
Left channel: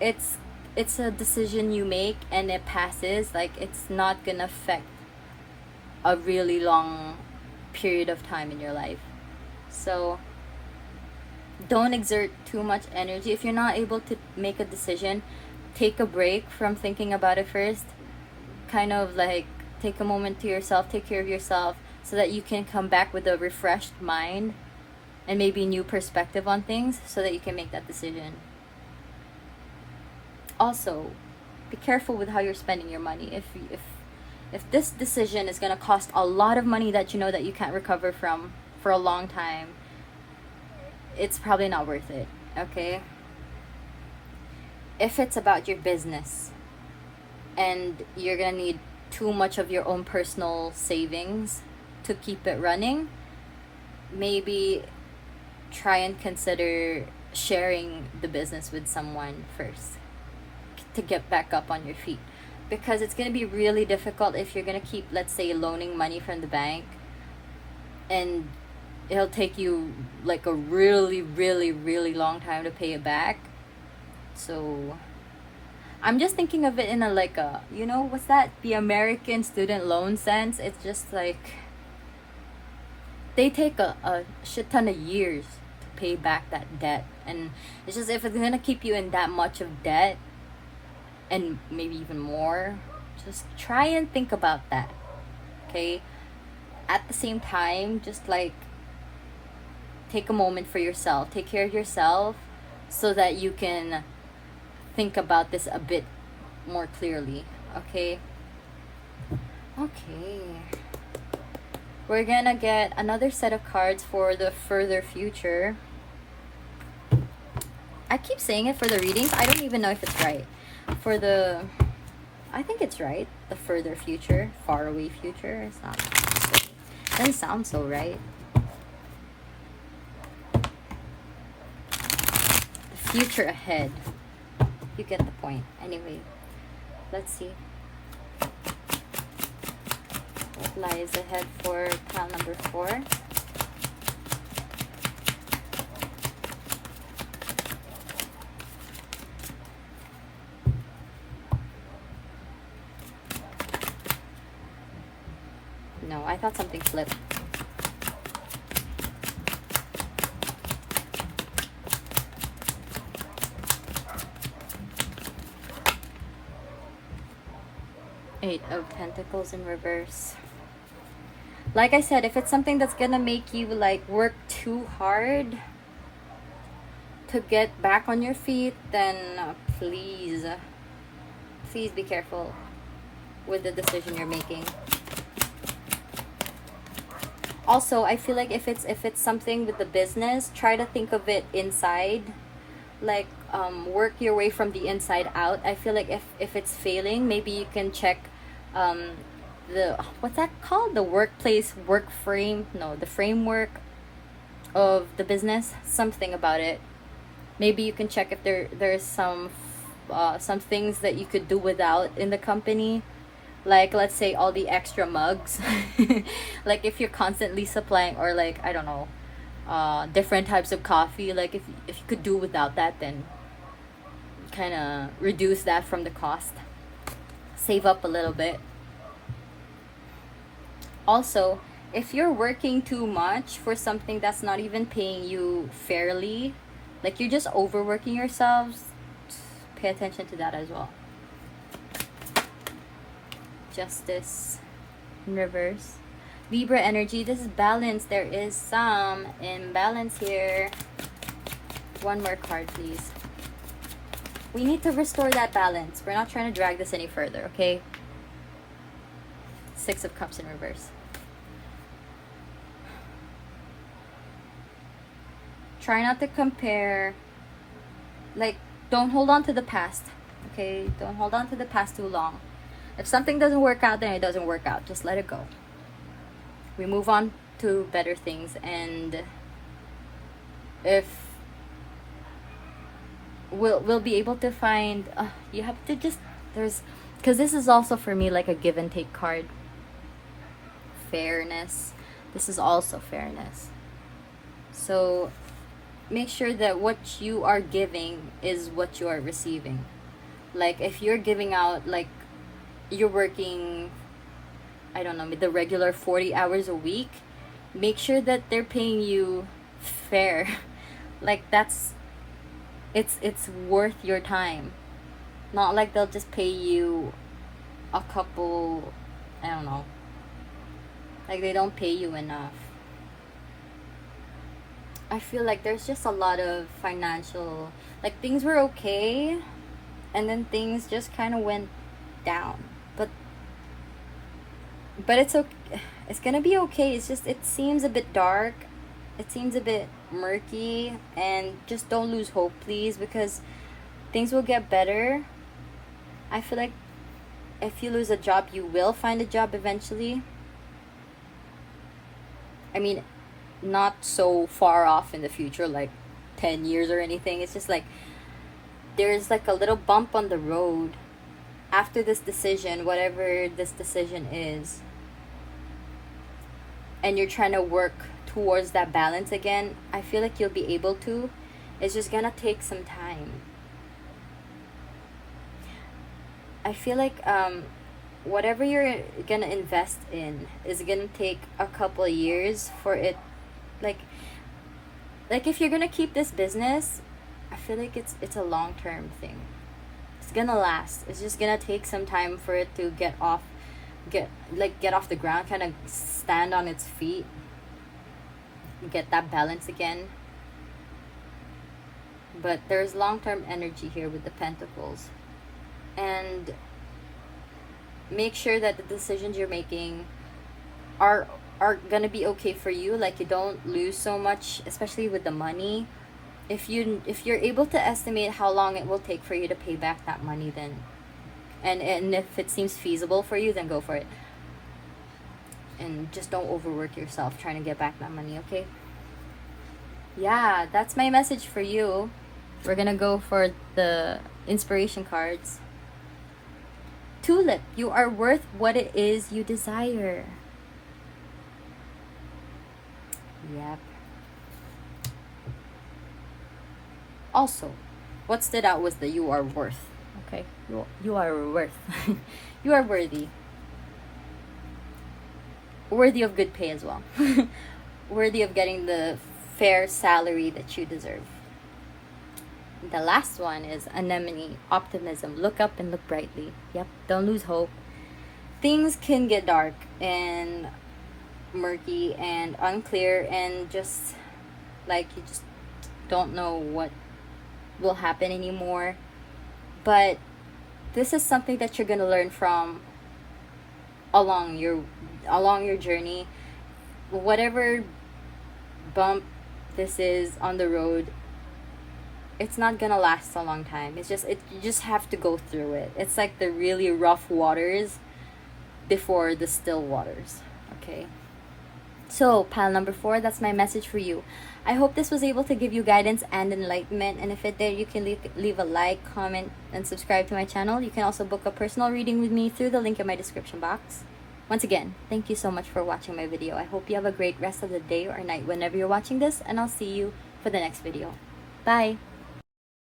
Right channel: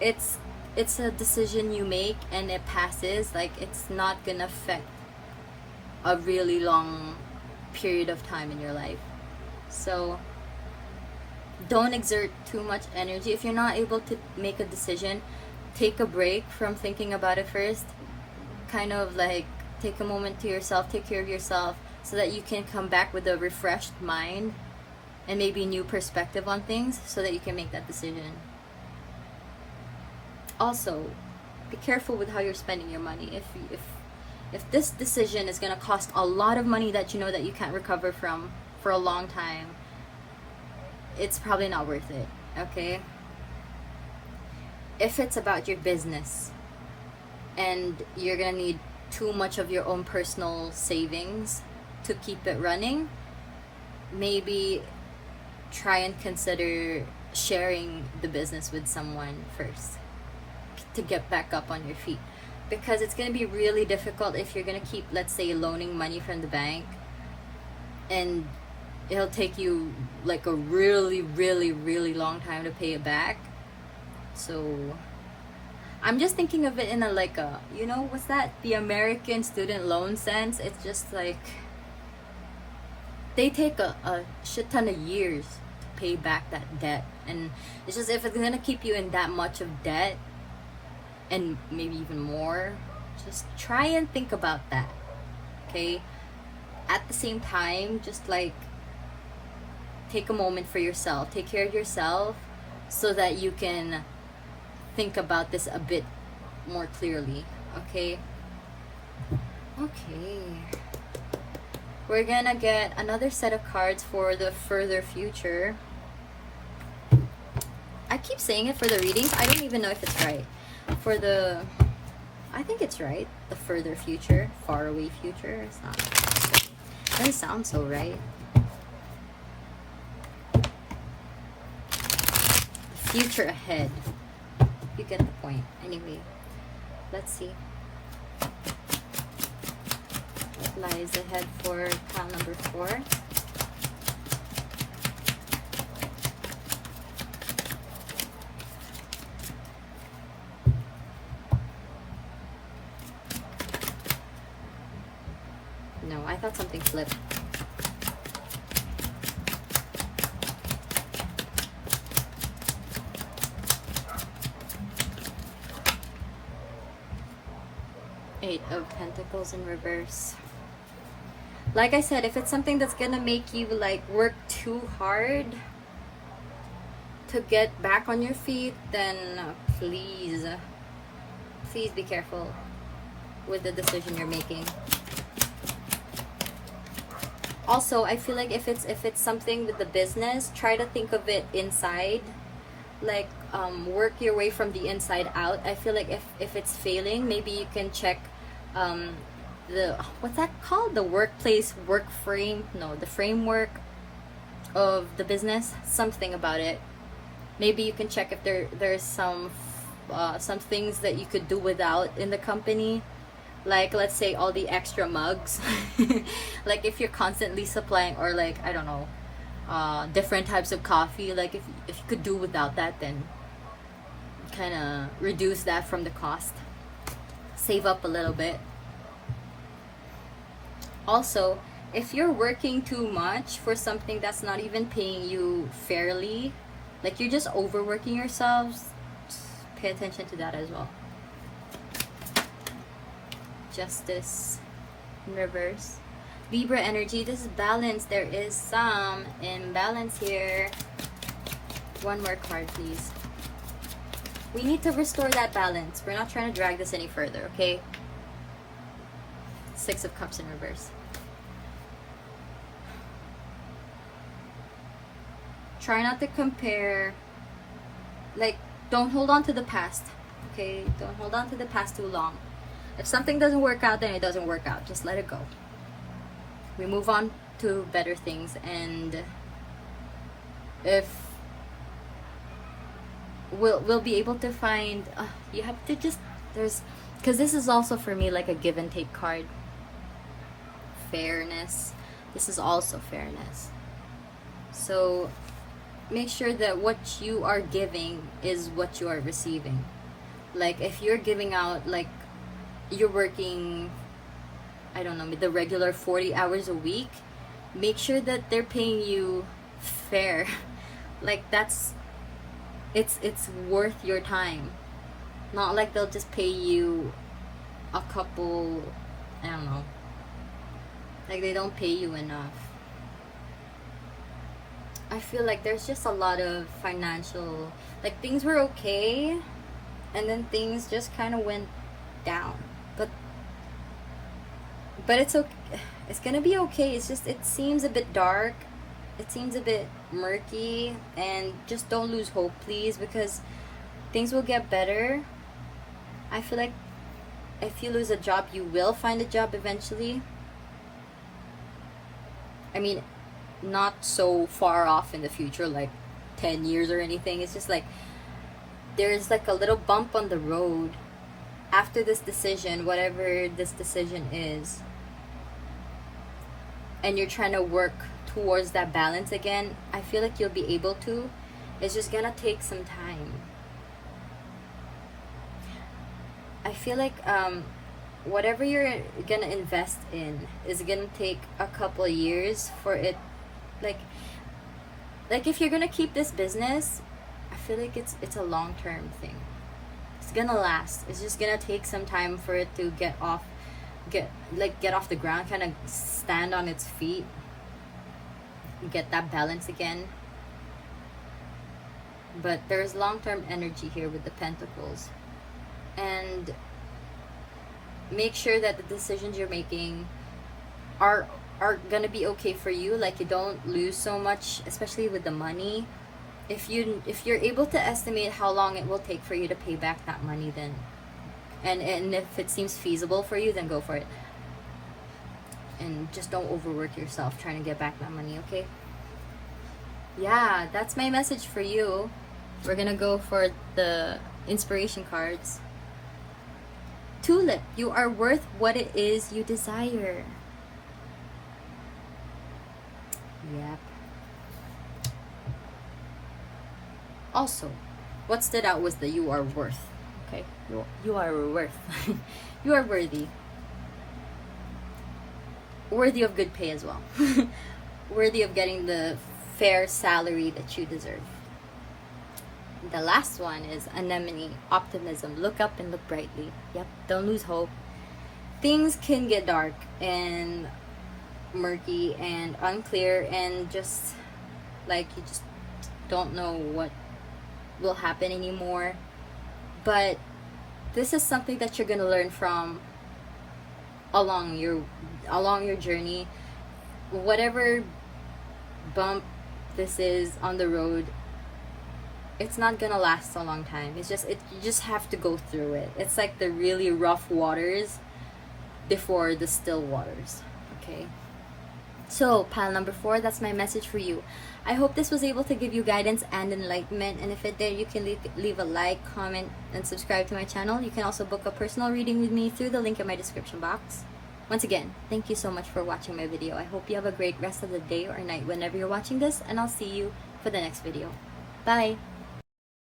it's a decision you make and it passes. Like, it's not gonna affect a really long period of time in your life. So don't exert too much energy. If you're not able to make a decision, take a break from thinking about it first. Kind of like take a moment to yourself, take care of yourself, so that you can come back with a refreshed mind and maybe new perspective on things, so that you can make that decision. Also, be careful with how you're spending your money. If this decision is going to cost a lot of money that you know that you can't recover from for a long time, it's probably not worth it. Okay, if it's about your business and you're gonna need too much of your own personal savings to keep it running, maybe try and consider sharing the business with someone first to get back up on your feet. Because it's going to be really difficult if you're going to keep, let's say, loaning money from the bank, and it'll take you like a really, really, really long time to pay it back. So I'm just thinking of it in a, like a, you know, what's that? The American student loan sense. It's just like they take a shit ton of years to pay back that debt. And it's just, if it's going to keep you in that much of debt, and maybe even more, just try and think about that. Okay, at the same time, just like take a moment for yourself, take care of yourself, so that you can think about this a bit more clearly. Okay, we're gonna get another set of cards for the further future. I keep saying it for the readings. I don't even know if it's right. For the, I think it's right. The further future, far away future. It's not. It doesn't sound so right. The future ahead. You get the point. Anyway, let's see. What lies ahead for pile number 4? No, I thought something flipped. Eight of Pentacles in reverse. Like I said, if it's something that's gonna make you like work too hard to get back on your feet, then please be careful with the decision you're making. Also, I feel like if it's something with the business, try to think of it inside, like work your way from the inside out. I feel like if it's failing, maybe you can check the, what's that called, the workplace the framework of the business, something about it. Maybe you can check if there's some things that you could do without in the company. Like, let's say all the extra mugs. Like, if you're constantly supplying, or like, I don't know, different types of coffee. Like, if you could do without that, then kind of reduce that from the cost. Save up a little bit. Also, if you're working too much for something that's not even paying you fairly, like you're just overworking yourselves, pay attention to that as well. Justice in reverse. Libra energy, this is balance. There is some imbalance here. One more card, please. We need to restore that balance. We're not trying to drag this any further, okay? Six of Cups in reverse. Try not to compare. Like, don't hold on to the past, okay? Don't hold on to the past too long. If something doesn't work out, then it doesn't work out. Just let it go. We move on to better things. And if we'll be able to find, you have to just, because this is also for me like a give and take card. Fairness. This is also fairness. So make sure that what you are giving is what you are receiving. Like, if you're giving out, like, you're working, I don't know, the regular 40 hours a week, make sure that they're paying you fair. Like, it's worth your time. Not like they'll just pay you a couple, I don't know, like they don't pay you enough. I feel like there's just a lot of financial, like, things were okay and then things just kind of went down. But it's okay. It's gonna be okay. It's just, it seems a bit dark. It seems a bit murky, and just don't lose hope, please, because things will get better. I feel like if you lose a job, you will find a job eventually. I mean, not so far off in the future, like 10 years or anything. It's just like there's like a little bump on the road after this decision, whatever this decision is, and you're trying to work towards that balance again. I feel like you'll be able to. It's just gonna take some time. I feel like whatever you're gonna invest in is gonna take a couple of years for it. Like if you're gonna keep this business, I feel like it's a long-term thing. It's gonna last. It's just gonna take some time for it to get off the ground, kind of stand on its feet, get that balance again. But there's long-term energy here with the Pentacles. And make sure that the decisions you're making are gonna be okay for you. Like, you don't lose so much, especially with the money. if you're able to estimate how long it will take for you to pay back that money, then and if it seems feasible for you, then go for it. And just don't overwork yourself trying to get back that money, okay? Yeah, that's my message for you. We're gonna go for the inspiration cards. Tulip, you are worth what it is you desire. Yep. Also, what stood out was the you are worth. Okay, you are worth. You are worthy. Worthy of good pay as well. Worthy of getting the fair salary that you deserve. The last one is anemone, optimism. Look up and look brightly. Yep, don't lose hope. Things can get dark and murky and unclear, and just like you just don't know what will happen anymore. But this is something that you're gonna learn from along your journey. Whatever bump this is on the road, it's not gonna last a long time. You just have to go through it. It's like the really rough waters before the still waters. Okay, so pile number 4, that's my message for you. I hope this was able to give you guidance and enlightenment, and if it did, you can leave a like, comment, and subscribe to my channel. You can also book a personal reading with me through the link in my description box. Once again, thank you so much for watching my video. I hope you have a great rest of the day or night whenever you're watching this, and I'll see you for the next video. Bye!